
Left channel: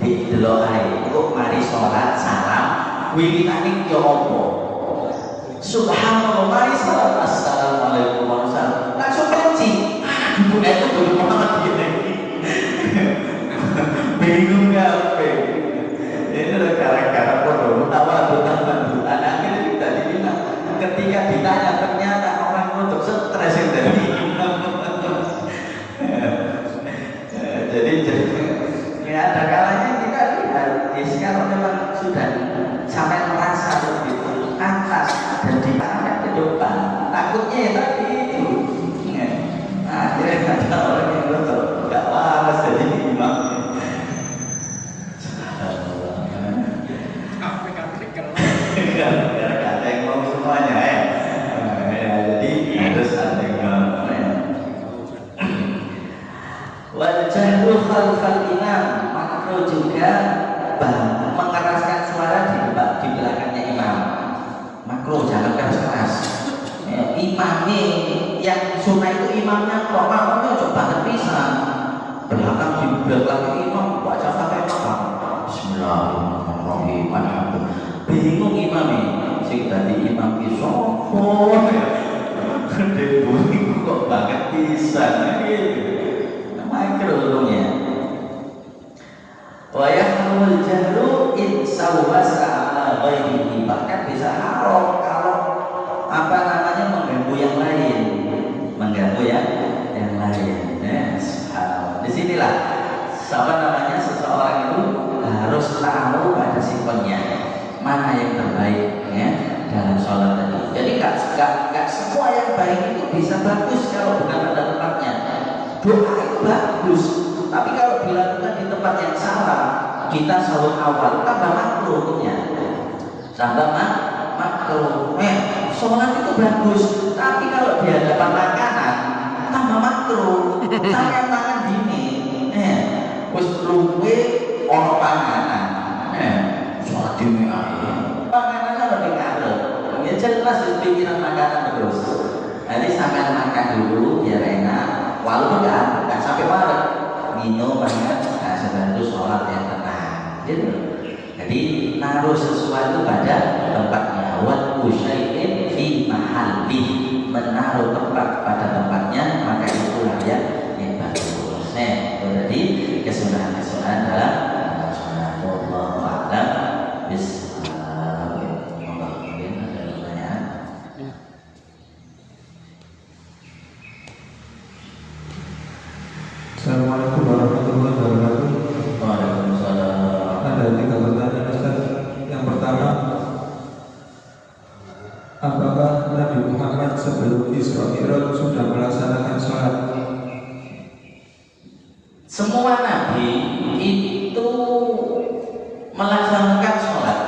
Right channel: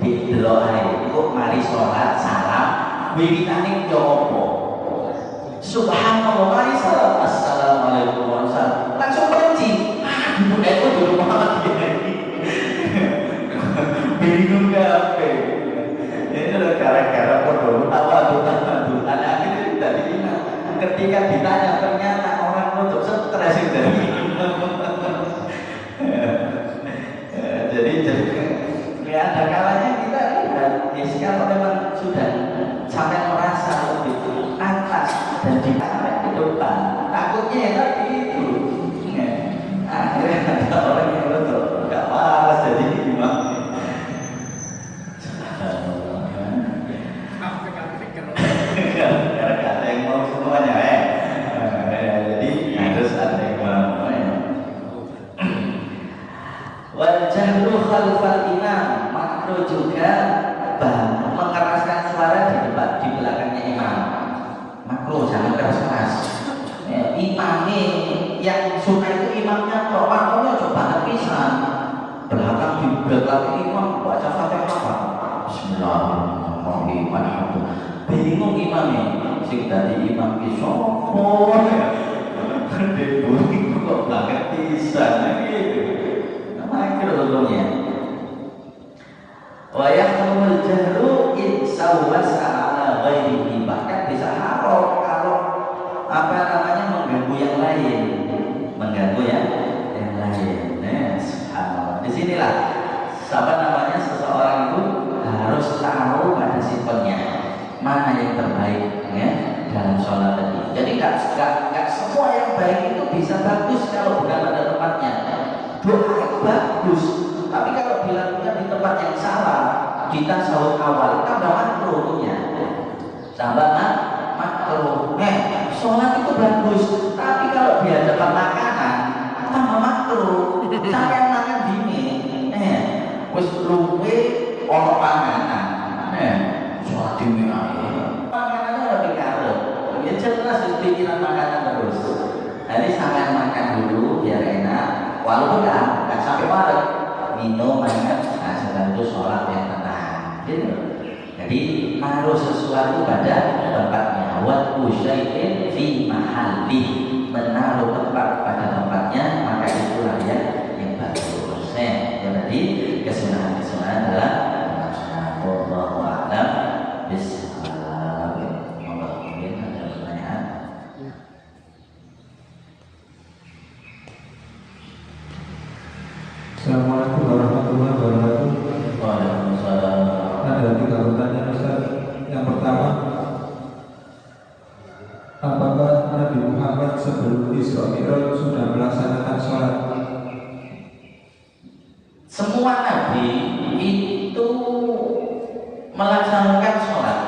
di doa itu mari sholat salam wiritannya jopo. Subhanallah mari sholat assalamualaikum warahmatullahi langsung benci. Dulu itu dulu Muhammadiyah ini bingung apa? Ini adalah gara-gara bodoh tahu akhirnya kita dibilang ketika ditanya ternyata orang untuk stres yang dari jadi ya ada kalanya kita lihat kalau memang sudah sampai merasa begitu atas dan dipakai ke depan takutnya ya tadi itu akhirnya ada orang yang betul gak waras jadi imam. Ada yang mau semuanya jadi harus ada yang mau wajahlu khalfal imam makro juga mengeraskan suara di belakangnya imam makro jangan keras-keras. Imam yang sunnah itu imamnya kok makronya coba banget pisan belakang di belakang imam baca Fatihah. Bismillahirrahmanirrahim. Alhamdulillah. Bingung imam ini. Sing dadi imam ki sapa? Debu kok banget pisan gitu. Makruhnya. Wa yahmul jahru in sawwasa ala ghairihi, bahkan bisa haram kalau apa namanya mengganggu yang lain, mengganggu yang lain. Subhanallah. Disinilah apa namanya seseorang itu harus tahu pada sifatnya mana yang terbaik ya dalam sholat tadi. Jadi nggak semua yang baik itu bisa bagus kalau bukan pada tempatnya. Doa itu bagus, tapi kalau dilakukan di tempat yang salah, kita selalu awal tambah makruhnya, tambah makruh. Sholat itu bagus, tapi kalau di hadapan makanan tambah makruh. Sampai makan dini, wis luwe ono panganan, sholat dini panganannya lebih karep. Ya jelas di pikiran makanan terus. Jadi sangat makan dulu biar enak. Walaupun nggak sampai malam minum banyak, nah setelah itu sholat yang tenang. Gitu. Jadi naruh sesuatu pada tempatnya. Wa usyai'in fi mahalli, menaruh tempat pada tempatnya, maka itulah yang bagus. Jadi kesunahan adalah wallahu a'lam bishawab. Mungkin ada pertanyaan. Assalamualaikum warahmatullahi wabarakatuh. Waalaikumsalam. Ada 3 pertanyaan Ustaz. Yang pertama, apakah Nabi Muhammad sebelum Isra Mi'raj sudah melaksanakan sholat? Semua nabi itu melaksanakan sholat,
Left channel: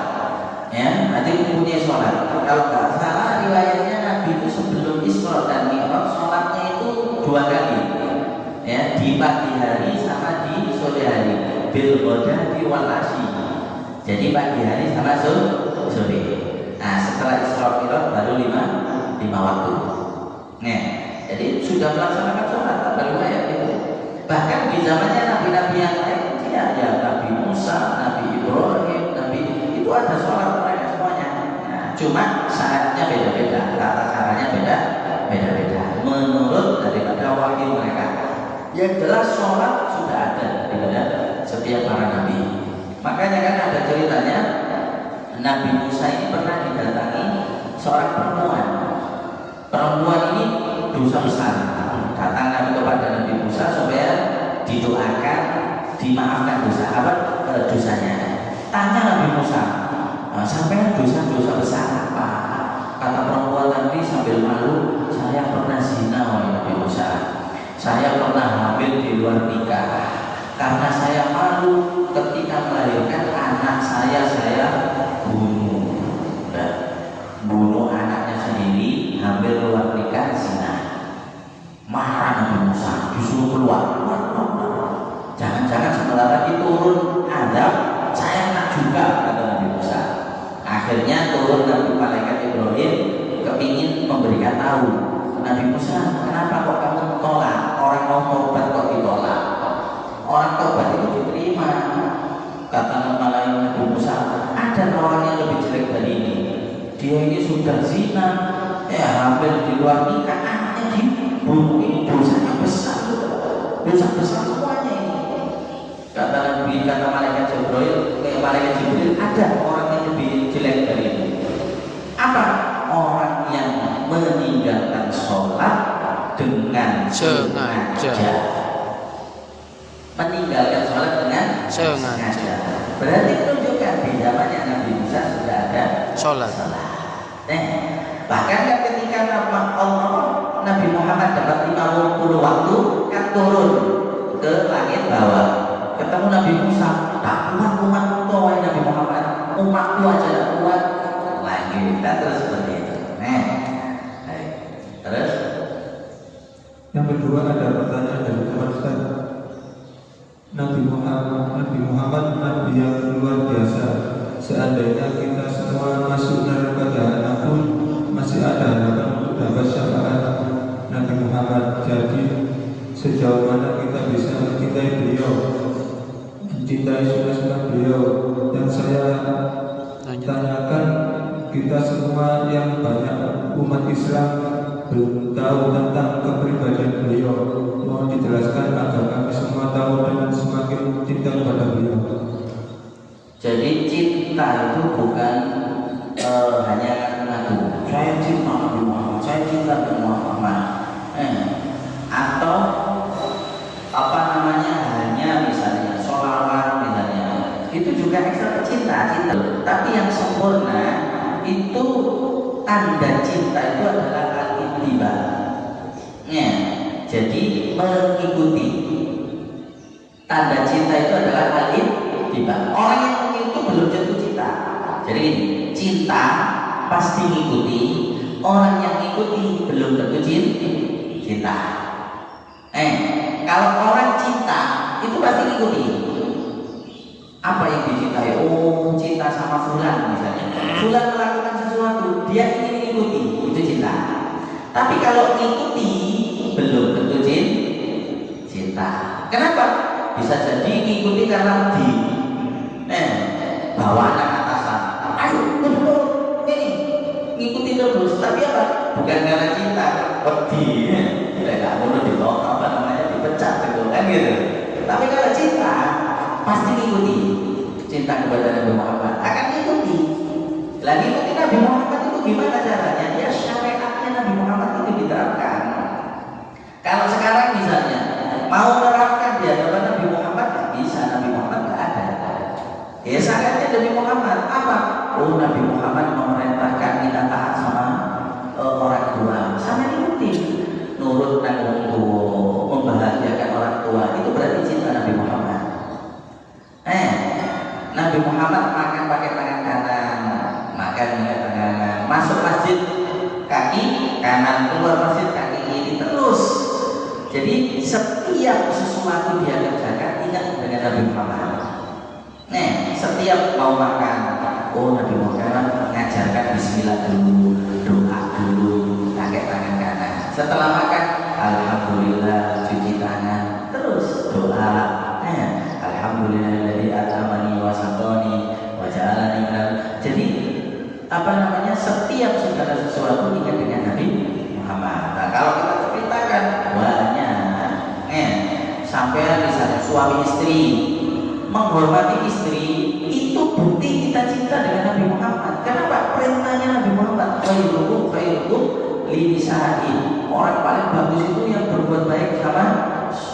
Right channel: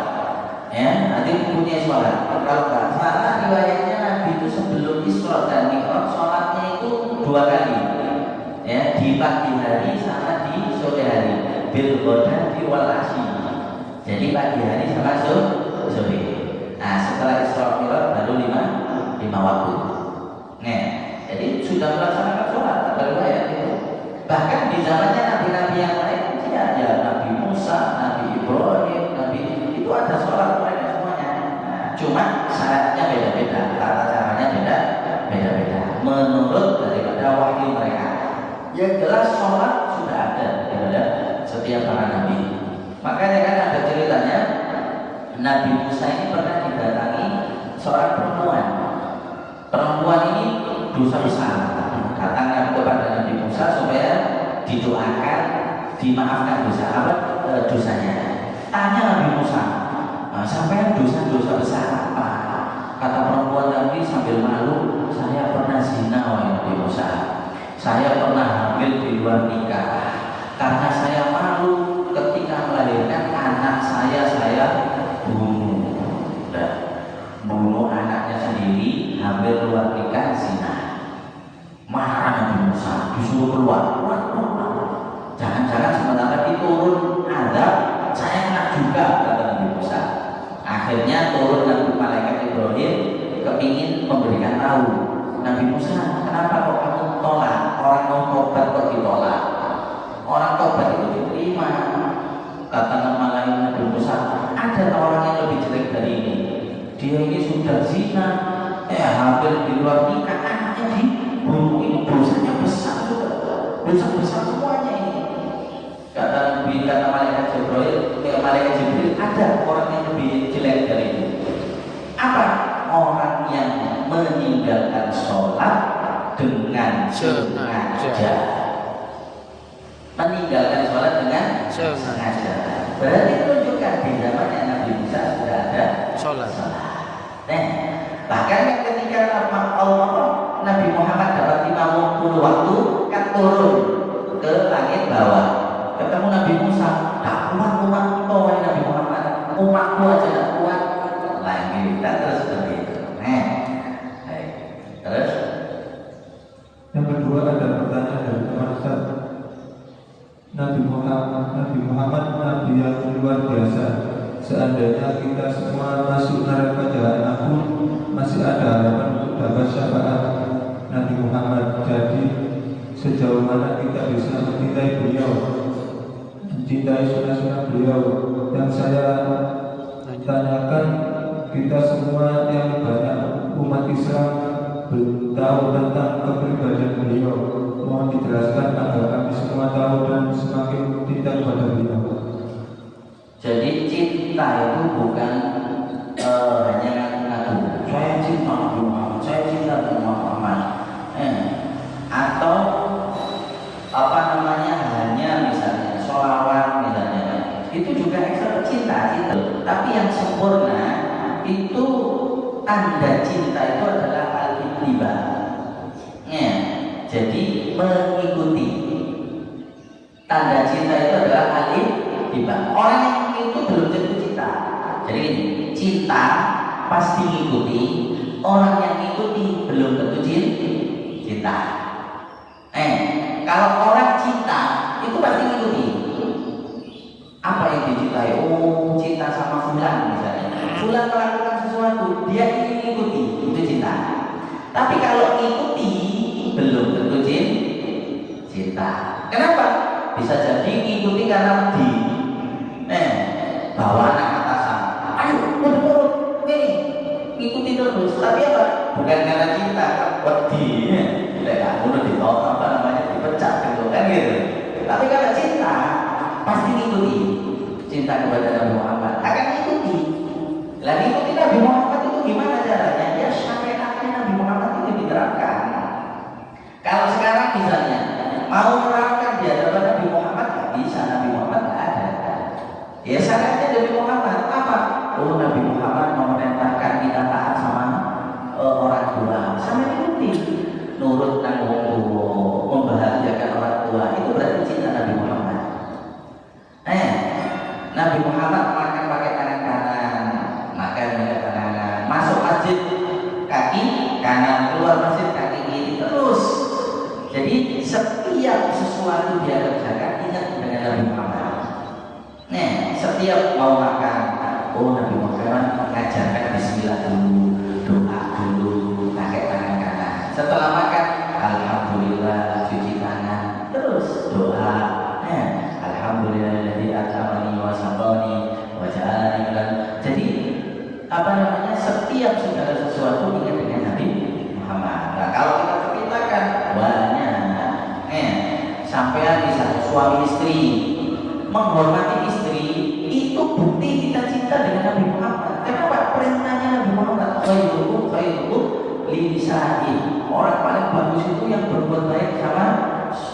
ya. Nanti punya sholat. Kalau nggak salah riwayatnya Nabi itu sebelum Isra dan Mi'raj sholatnya itu 2 kali. Ya, di pagi hari sama di sore hari, bil ghadati wal asyi. Jadi pagi hari sama sore. Nah, setelah Isra Mi'raj baru 5 waktu. Nah, jadi sudah melaksanakan sholat dalam ayat itu. Bahkan di zamannya nabi-nabi yang lain, ya Nabi Musa, Nabi Ibrahim, Nabi itu ada sholat mereka semuanya. Nah, cuma saatnya beda-beda, tata caranya beda-beda menurut daripada wahyu mereka. Yang jelas sholat sudah ada daripada setiap para nabi. Makanya kan ada ceritanya Nabi Musa ini pernah didatangi seorang perempuan. Perempuan ini dosa besar. Datang kepada Nabi Musa supaya didoakan, dimaafkan dosanya. Tanya Nabi Musa, sampai dosa besar apa? Kata perempuan tadi sambil malu, saya pernah zina oleh Nabi Musa. Saya pernah hamil di luar nikah. Karena saya malu ketika melahirkan anak saya bunuh anaknya sendiri, hamil luar nikah, zina. Marah Nabi Musa, disuruh keluar. Jangan-jangan sebentar lagi turun azab, saya kena juga, kata Nabi Musa. Akhirnya turun Nabi malaikat Ibrahim kepingin memberikan tahu Nabi Musa, kenapa kok kamu tolak? Orang mau tobat kok ditolak? Orang tobat itu diterima. Kata malaikat Nabi Musa, ada orang yang lebih jelek dari ini. Dia ini sudah zina, hamil di luar nikah, anaknya dibunuh. Ini dosanya besar, dosa besar semuanya ini. Kata malaikat Jibril, ada orang yang lebih jelek dari itu. Apa? Orang yang meninggalkan sholat dengan sengaja. Meninggalkan sholat dengan sengaja. Berarti menunjukkan di zamannya Nabi Musa sudah ada sholat. Bahkan kan ketika Nabi Muhammad dapat 50 waktu kan turun ke langit bawah, ketemu Nabi Musa, tak kuat Nabi Muhammad, umatku aja tak kuat lagi, tak terus seperti itu. Terus Yang kedua, ada pertanyaan dari teman Ustaz. Nabi Muhammad Nabi yang luar biasa. Seandainya kita semua masuk neraka jahanam pun masih ada harapan untuk dapat syafaat Nabi Muhammad. Jadi sejauh mana kita bisa mencintai beliau, mencintai sunnah-sunnah beliau. Yang saya tanyakan, kita semua yang banyak umat Islam belum tahu tentang kepribadian beliau. Mohon dijelaskan agar kami semua tahu dan semakin cinta kepada beliau. Jadi cinta itu bukan hanya ngaku saya cinta Nabi Muhammad, saya cinta Nabi Muhammad, atau apa namanya hanya misalnya sholawat misalnya, itu juga ekstra cinta. Tapi yang sempurna itu tanda cinta itu adalah al-ittiba. Jadi mengikuti. Tanda cinta itu adalah al-ittiba. Orang yang itu belum tentu cinta. Jadi gini, cinta pasti ngikuti. Orang yang ikuti belum tentu cinta. Kalau orang cinta itu pasti ngikuti. Apa yang dicintai? Oh, cinta sama fulan misalnya. Fulan melakukan sesuatu, dia ingin mengikuti, itu cinta. Tapi kalau mengikuti belum tentu cinta. Kenapa? Bisa jadi mengikuti karena bawa anak atasan. Ayo, ini ngikuti terus. Tapi apa? Bukan karena cinta, wedi. Tidak perlu dibawa apa namanya dipecat gitu kan gitu. Tapi kalau cinta pasti ngikuti. Cinta kepada Nabi Muhammad akan ngikuti. Lagi ikuti Nabi Muhammad itu gimana caranya? Ya syariatnya Nabi Muhammad itu diterapkan. Kalau sekarang misalnya mau menerapkan di hadapan Nabi Muhammad nggak bisa, Nabi Muhammad nggak ada. Ya syariatnya Nabi Muhammad apa? Oh, Nabi Muhammad memerintahkan kita taat sama orang tua, sama ikuti, nurut nanggung tua, membahagiakan orang tua, itu berarti cinta Nabi Muhammad. Nabi Muhammad makan pakai tangan kanan, makan pakai tangan kanan, masuk masjid kaki kanan, keluar masjid kaki kiri terus. Jadi setiap sesuatu dia kerjakan ingat dengan Nabi Muhammad. Setiap mau makan, oh Nabi Muhammad mengajarkan Bismillah dulu, doa dulu, pakai tangan kanan. Setelah makan, Alhamdulillah cuci tangan, terus doa. Alhamdulillahilladzi at'amani wa saqani wa ja'alani minal. Jadi apa namanya? Setiap segala sesuatu ingat dengan Nabi Muhammad. Nah, kalau kita ceritakan banyak, sampai misalnya suami istri menghormati istri, itu bukti kita cinta dengan Nabi Muhammad. Kenapa? Perintahnya Nabi Muhammad khairukum li nisa'i. Orang paling bagus itu yang berbuat baik sama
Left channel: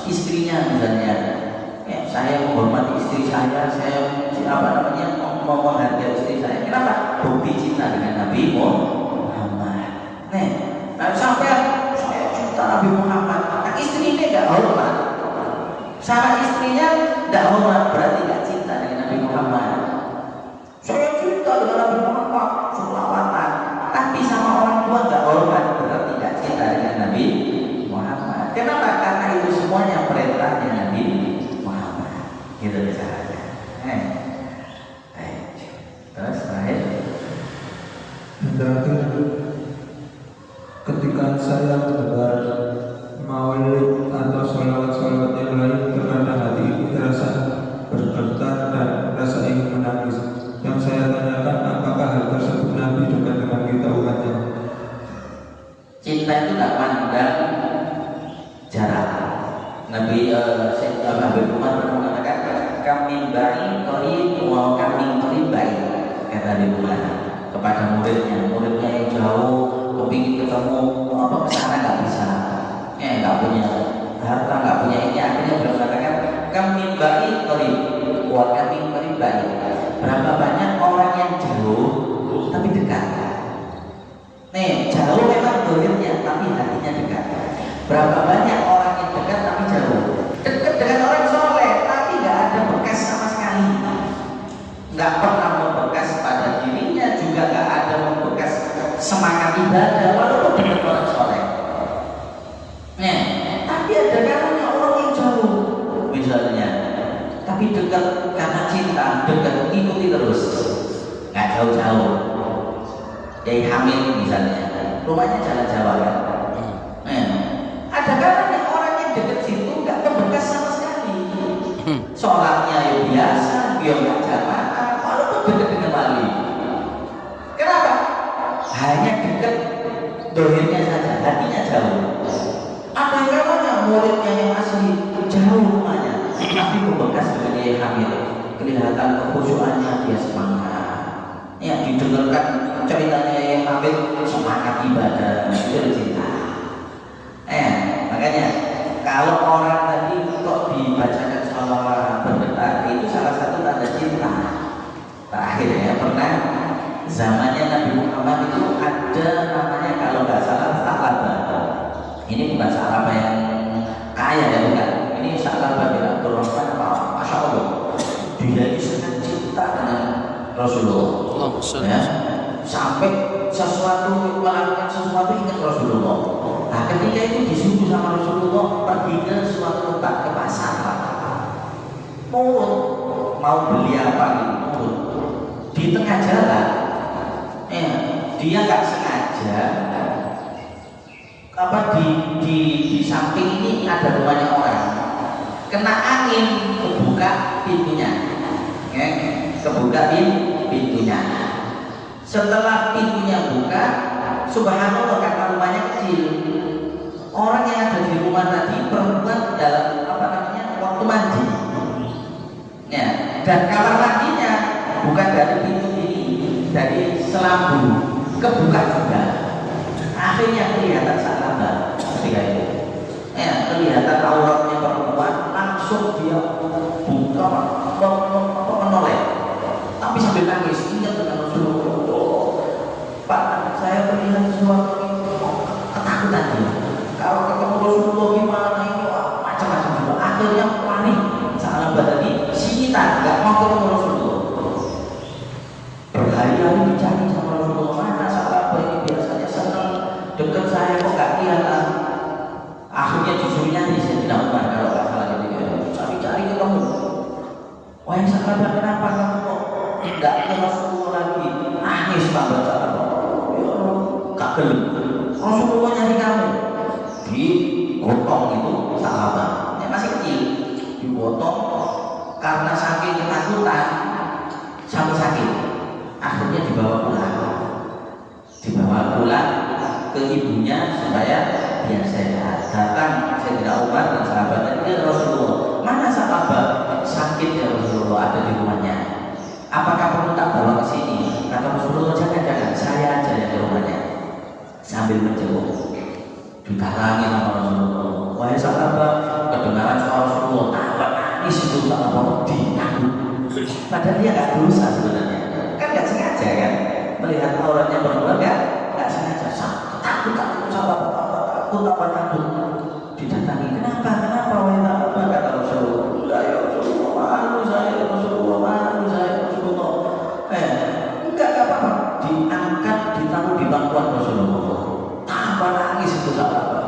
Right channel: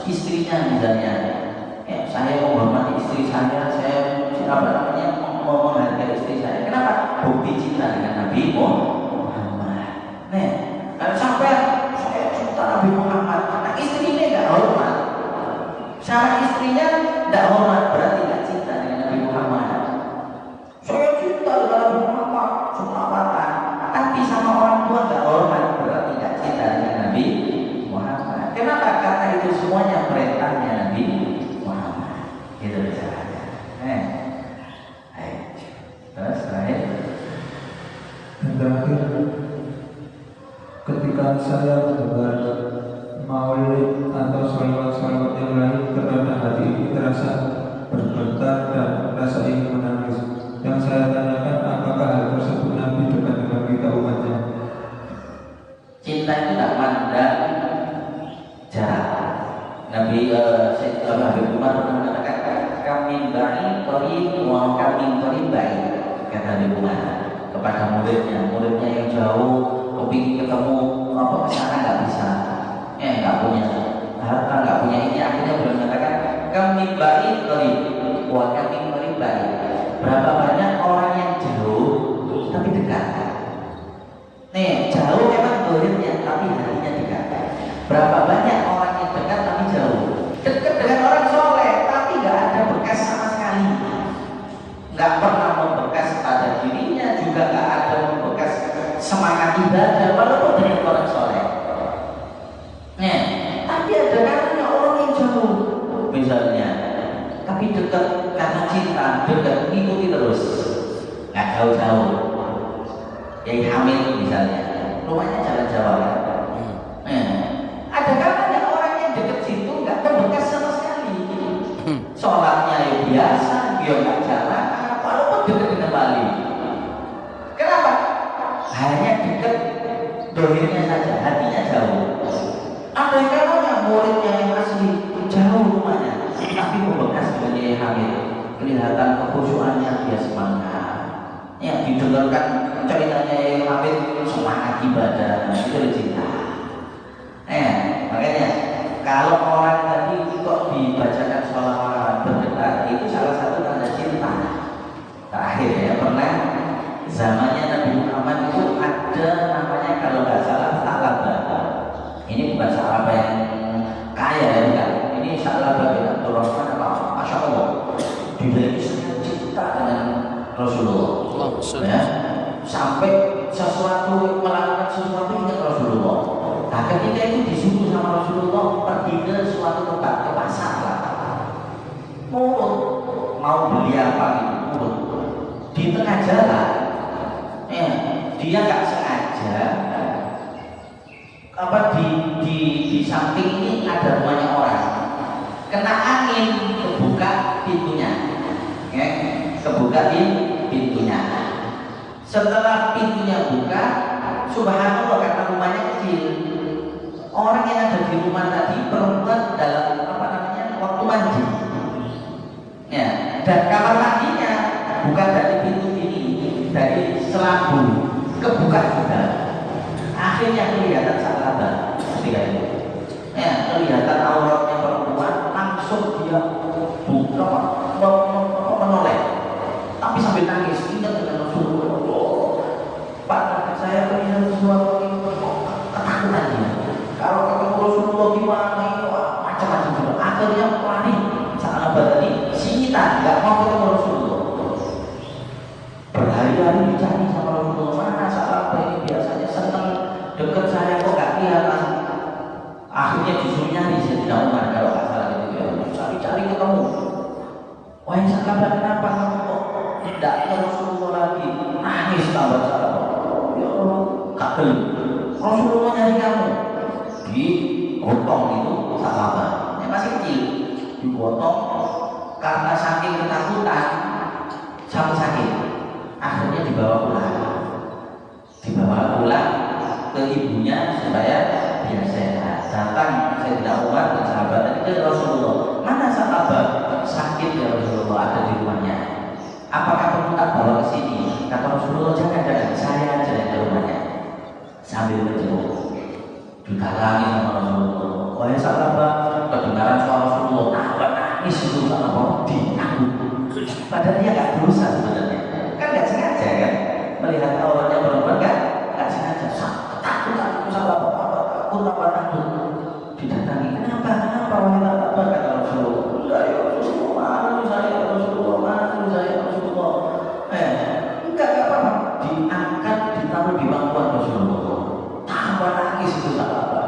istrinya misalnya. Ya, saya menghormati istri saya apa namanya mau menghargai istri saya. Kenapa? Bukti cinta dengan Nabi Muhammad. Sampai saya cinta Nabi Muhammad, nah istrinya nggak hormat, sama istrinya nggak hormat, berarti nggak cinta dengan Nabi Muhammad. Saya cinta dengan Nabi Muhammad, selawatan, tapi sama orang tua nggak hormat, berarti nggak cinta dengan Nabi Muhammad. Kenapa? Karena itu semuanya perintahnya Nabi Muhammad. Itu caranya. Terus terakhir. Dan terakhir, ketika saya mendengar maulid atau sholawat-sholawat yang lain, terkadang hati ini terasa bergetar dan rasa ingin menangis. Yang saya tanyakan, apakah hal tersebut Nabi dekat dengan kita umatnya? Cinta itu tak pandang jarak. Nabi Umar pernah mengatakan, kami baik qarib wa kami qarib baik, kata Nabi Umar kepada muridnya yang jauh, kepingin ketemu apa kesana nggak bisa, nggak punya harta, nggak punya ini, akhirnya beliau mengatakan kami baik qarib wa kami qarib baik. Berapa banyak orang yang jauh tapi dekat. Jauh memang dohirnya tapi hatinya dekat. Berapa banyak orang yang dekat tapi jauh. Dekat dengan orang soleh tapi nggak ada bekas sama sekali, nggak pernah membekas pada dirinya, juga nggak ada membekas semangat ibadah walaupun dengan orang soleh. Tapi ada karunia orang yang jauh misalnya, tapi dekat karena cinta, dekat ikuti terus, nggak jauh-jauh. Kayak Hamid misalnya, rumahnya jalan Jawa kan. Ada karunia orang yang dekat situ orangnya ya biasa, dia nggak jalan, walaupun dekat dengan wali. Kenapa? Hanya dekat dohirnya saja, hatinya jauh. Ada yang namanya muridnya yang asli jauh rumahnya, tapi membekas sebagai hamil. Kelihatan kekhusyuannya dia semangat. Ya didengarkan ceritanya yang hamil semangat ibadah, itu cinta. Makanya kalau orang tadi kok dibacakan sholawat berdetak, itu salah satu tanda cinta. Terakhir ya, pernah zamannya Nabi Muhammad itu ada namanya kalau nggak salah Sa'labah. Ini bukan Sa'labah yang kaya ya, bukan. Ini Sa'labah bin Abdurrahman, Masya Allah. Dia itu sangat cinta dengan Rasulullah. Ya, sampai sesuatu melakukan sesuatu ingat Rasulullah. Nah, ketika itu disuruh sama Rasulullah pergi ke suatu tempat, ke pasar lah. Mau beli apa gitu. Di tengah jalan, dia nggak sengaja di samping ini ada rumahnya orang. Kena angin, kebuka pintunya. Kebuka pintunya. Setelah pintunya buka, subhanallah kata rumahnya kecil. Orang yang ada di rumah tadi perempuan dalam waktu mandi. Ya, dan kamar mandinya bukan dari pintu ini, dari selambu, kebuka juga. Akhirnya kelihatan Sa'labah ketika itu. Ya, kelihatan auratnya perempuan, langsung dia buka menoleh. Tapi sambil nangis, ingat dengan Rasulullah. Pak, saya melihat sesuatu yang ketakutan dia. Kalau ketemu Rasulullah gimana ini, macam-macam gitu. Akhirnya panik. Sa'labah tadi singitan, nggak mau ketemu Rasulullah. Berhari-hari dicari sama Rasulullah. Mana Sa'labah ini biasanya senang dekat saya kok nggak kelihatan. Akhirnya disuruh nyari Sayyidina Umar kalau nggak salah gitu. Cari-cari ketemu. Wahai Sa'labah, kenapa kamu kok tidak ke Rasulullah lagi? Nangis sahabat Sa'labah. Ya Allah, tak geli. Rasulullah nyari kamu. Digotong itu Sa'labah. Ini masih kecil. Digotong karena saking ketakutan sampai sakit. Akhirnya dibawa pulang ke ibunya supaya dia sehat. Datang Sayyidina Umar dan sahabat tadi ke Rasulullah. Mana Sa'labah? Sakit ya Rasulullah, ada di rumahnya. Apakah perlu tak bawa ke sini? Kata Rasulullah, jangan, saya aja yang di rumahnya. Sambil menjenguk, didatangi sama Rasulullah. Wahai Sa'labah, kedengaran suara Rasulullah, nangis itu Sa'labah ditangguh. Padahal dia nggak dosa sebenarnya. Kan nggak sengaja kan? Melihat auratnya perempuan nggak sengaja. Takut Sa'labah, takut. Didatangi, kenapa wahai Sa'labah? Kata Rasulullah, saya Rasulullah. Enggak apa-apa. Diangkat, ditaruh di bangkuan Rasulullah. Tambah nangis itu Sa'labah.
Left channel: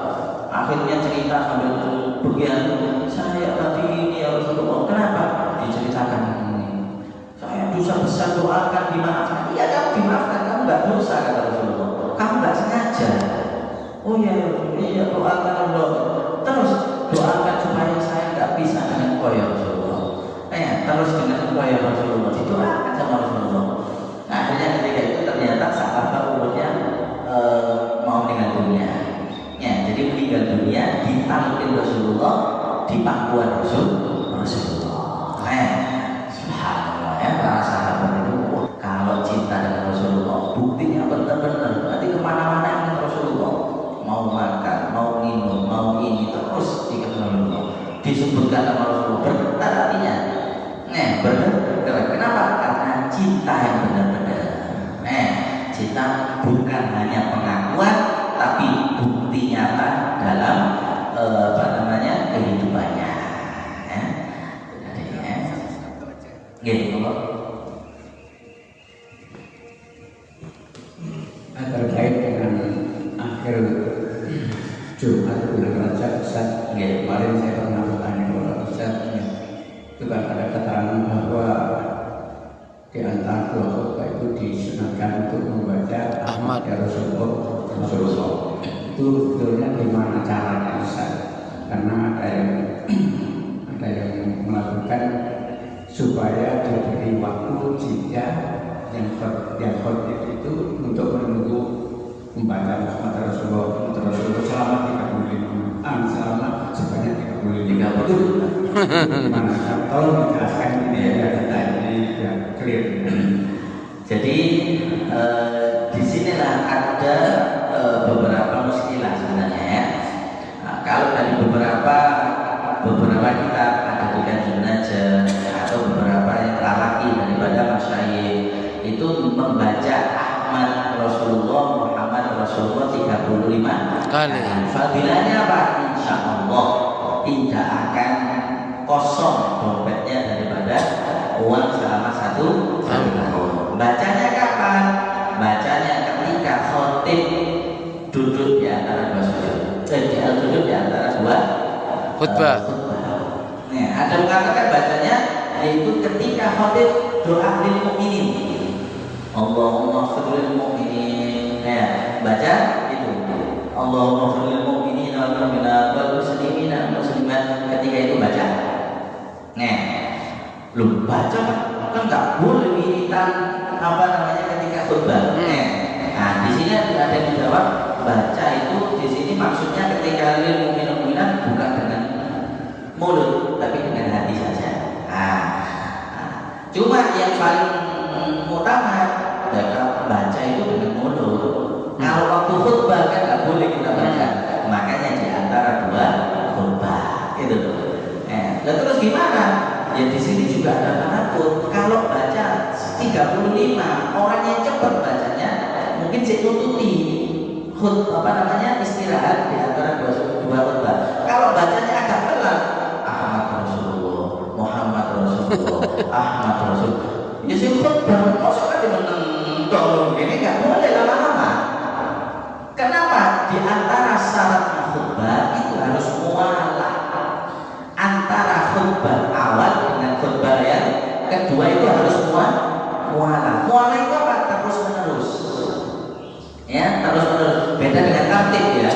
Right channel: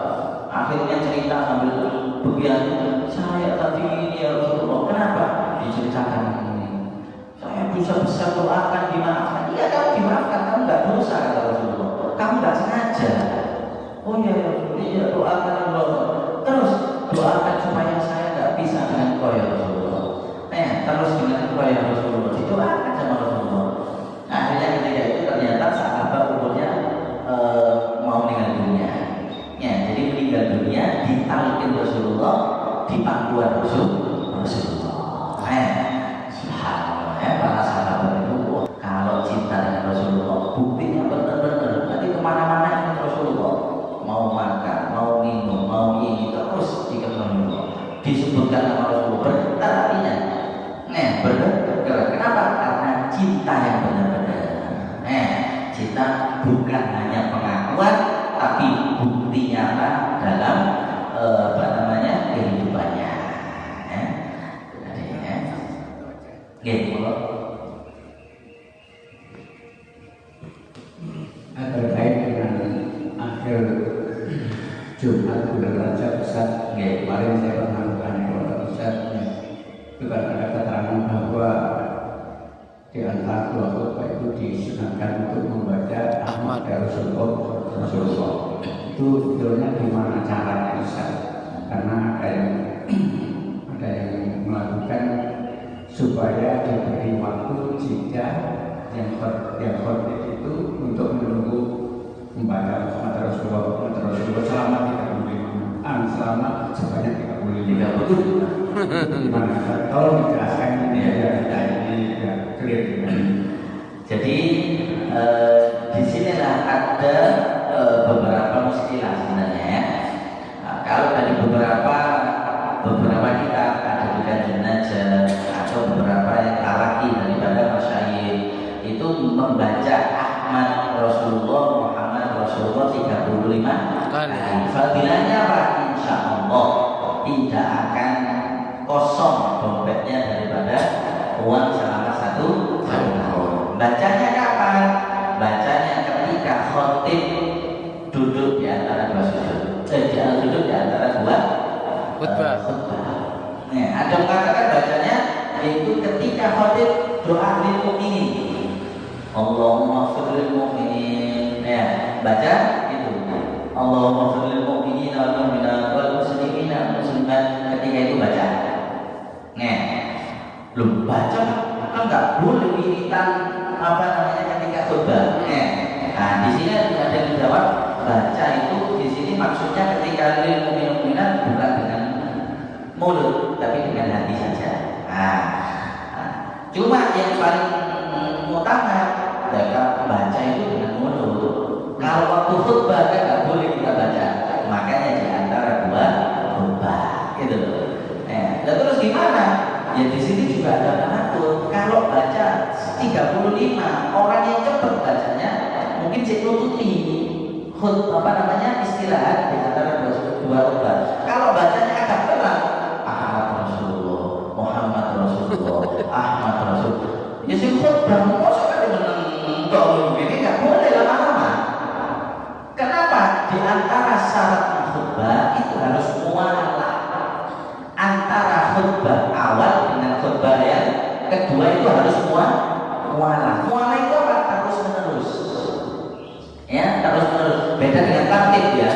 Akhirnya cerita sambil begian, saya tadi ini ya Rasulullah. Kenapa? Diceritakan ini. Saya dosa besar, doakan dimaafkan. Iya, kamu dimaafkan, kamu nggak dosa kata Rasulullah. Kamu nggak sengaja. Oh iya, doakan Allah. Terus doakan supaya saya nggak bisa dengan kau ya Rasulullah. Terus dengan kau ya Rasulullah. Didoakan sama Rasulullah. Nah, akhirnya ketika itu ternyata Sa'labah umurnya mau meninggal dunia. Ya, jadi meninggal dunia ditalkin Rasulullah di pangkuan Rasulullah. Subhanallah ya, para sahabat itu kalau cinta dengan Rasulullah buktinya benar-benar nanti kemana-mana ingat Rasulullah. Mau makan, mau minum, mau ini terus diingat Rasulullah. Disebutkan nama Rasulullah bergetar hatinya. Bergetar. Kenapa? Karena cinta yang benar-benar. Cinta bukan hanya pengakuan, tapi bukti nyata dalam kehidupannya. Gitu. Terkait dengan akhir Jumat bulan Rajab, Ustaz, kemarin saya pernah bertanya kepada Ustaz, itu kan ada keterangan bahwa di antara dua khutbah itu disunahkan untuk membaca Ahmad ya Rasulullah. Itu sebetulnya gimana caranya Ustaz? Karena ada yang melakukan supaya diberi waktu jika yang khotib itu untuk menunggu membaca Muhammad Rasulullah selama 35 selama sebanyak 35 itu gimana? Kalau dijelaskan ini ya kita ini ya clear. Jadi disinilah ada beberapa muskilah sebenarnya ya. Nah, kalau dari beberapa kita ada di Kanjeng Najm atau beberapa yang laki daripada masyayikh itu membaca Ahmad Rasulullah Muhammad Rasulullah 35 kali. Fadilahnya apa? Insya Allah tidak akan kosong dompetnya daripada uang selama 1 tahun. Bacanya kapan? Bacanya ketika khotib duduk di antara dua sujud. Duduk di antara dua khutbah. Nah, ada mengatakan bacanya yaitu ketika khotib doa lil mukminin. Allahumma sholli lil mukminin. Nah, baca itu. Allahumma sholli lil mukminin wal mu'minat wal muslimin wal muslimat. Ketika itu baca. Nah, belum baca kan nggak boleh wiritan apa namanya ketika khutbah. Nah, di sini ada yang dijawab baca itu di sini maksudnya ketika lil mukminin bukan dengan mulut tapi dengan hati saja. Cuma yang paling utama mereka baca itu dengan mulut. Kalau waktu khutbah kan nggak boleh kita baca, makanya di antara dua khutbah itu. Terus gimana? Ya di sini juga ada pengatur. Kalau baca 35 orang yang cepat bacanya mungkin saya tututi istirahat di antara dua khutbah. Kalau bacanya agak pelan Ahmad Rasulullah Muhammad Rasulullah Ahmad Rasulullah ya sih khutbah maksudnya dengan ini nggak boleh lama-lama. Kenapa? Di antara syarat khutbah itu harus mualah antara khutbah awal dengan khutbah yang kedua itu harus mualah itu apa? Terus menerus ya, terus menerus. Beda dengan tartib ya.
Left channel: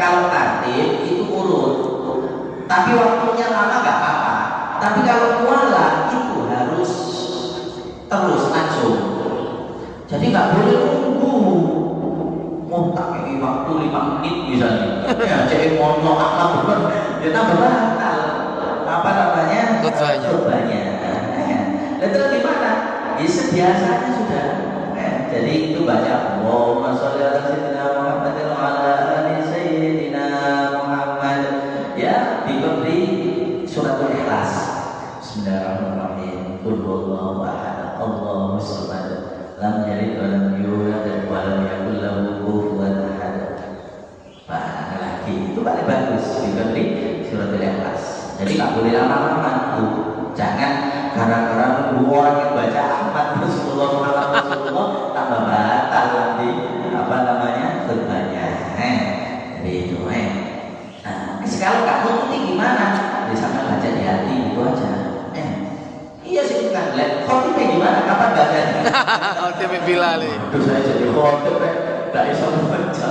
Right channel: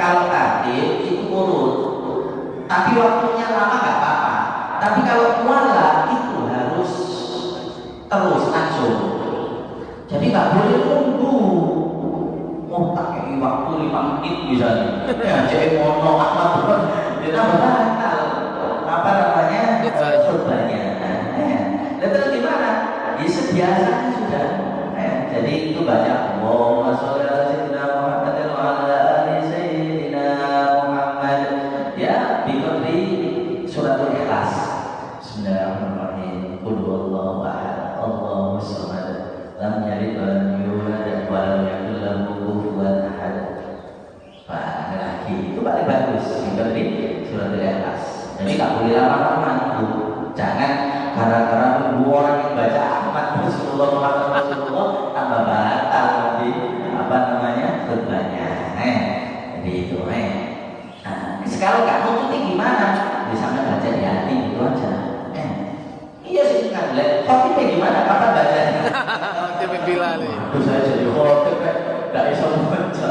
Kalau tartib itu urut tapi waktunya lama nggak apa-apa, tapi kalau mualah itu harus terus langsung. Jadi nggak boleh nunggu mau pakai waktu 5 menit misalnya ya jadi mono kita berbatal apa namanya khutbahnya. Dan terus gimana? Ya sebiasanya sudah. Jadi itu baca Allahumma sholli ala sayyidina Muhammad wa ala ali sayyidina Muhammad. Ya diberi suratul Ikhlas. Bismillahirrahmanirrahim. Qul huwallahu ahad. Allahus samad. Lam yalid wa lam yulad wa lam yakul lahu kufuwan ahad. Ada lagi itu paling bagus diberi suratul Ikhlas. Jadi nggak boleh lama-lama. Jangan gara-gara orang yang baca Ahmad Rasulullah Muhammad Rasulullah tambah batal nanti apa namanya khutbahnya. Jadi itu. Kalau nggak nututi gimana? Bisa baca di hati itu aja. Iya sih kan. Khotibnya gimana? Kapan bacanya? Khotibnya Bilal nih. Terus saya jadi khotib nggak bisa membaca.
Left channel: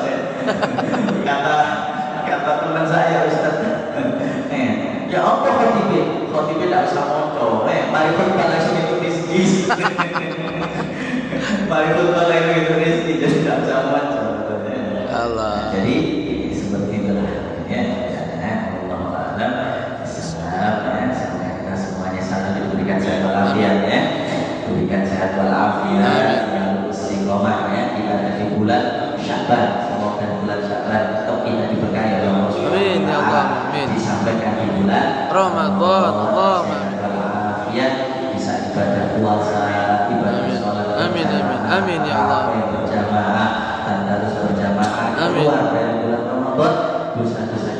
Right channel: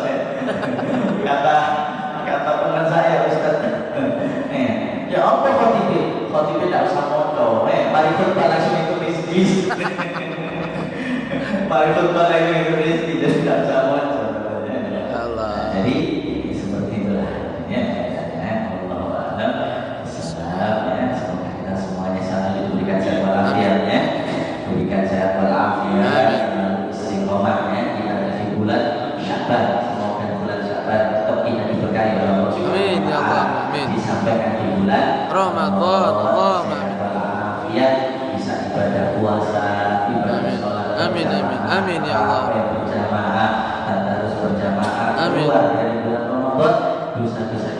Kata teman saya Ustaz. Ya apa khotibnya? Khotibnya tidak usah moco. Mari kita langsung itu rezeki. Mari kita langsung itu rezeki. Jadi tidak usah moco. Allah. Jadi seperti itulah. Ya, Allah Taala. Semoga kita semuanya selalu diberikan sehat walafiat ya. Diberikan sehat walafiat. Yang istiqomah ya. Kita dari bulan Sya'ban. Semoga bulan Sya'ban tetap kita diberkahi oleh Allah Subhanahu wa taala. Amin ya Allah. Amin. Disampaikan di bulan Ramadan. Allahumma amin. Ya, bisa ibadah puasa, ibadah sholat. Amin amin amin ya Allah. Berjamaah dan harus berjamaah. Amin. Keluar dari bulan Ramadan, dosa-dosa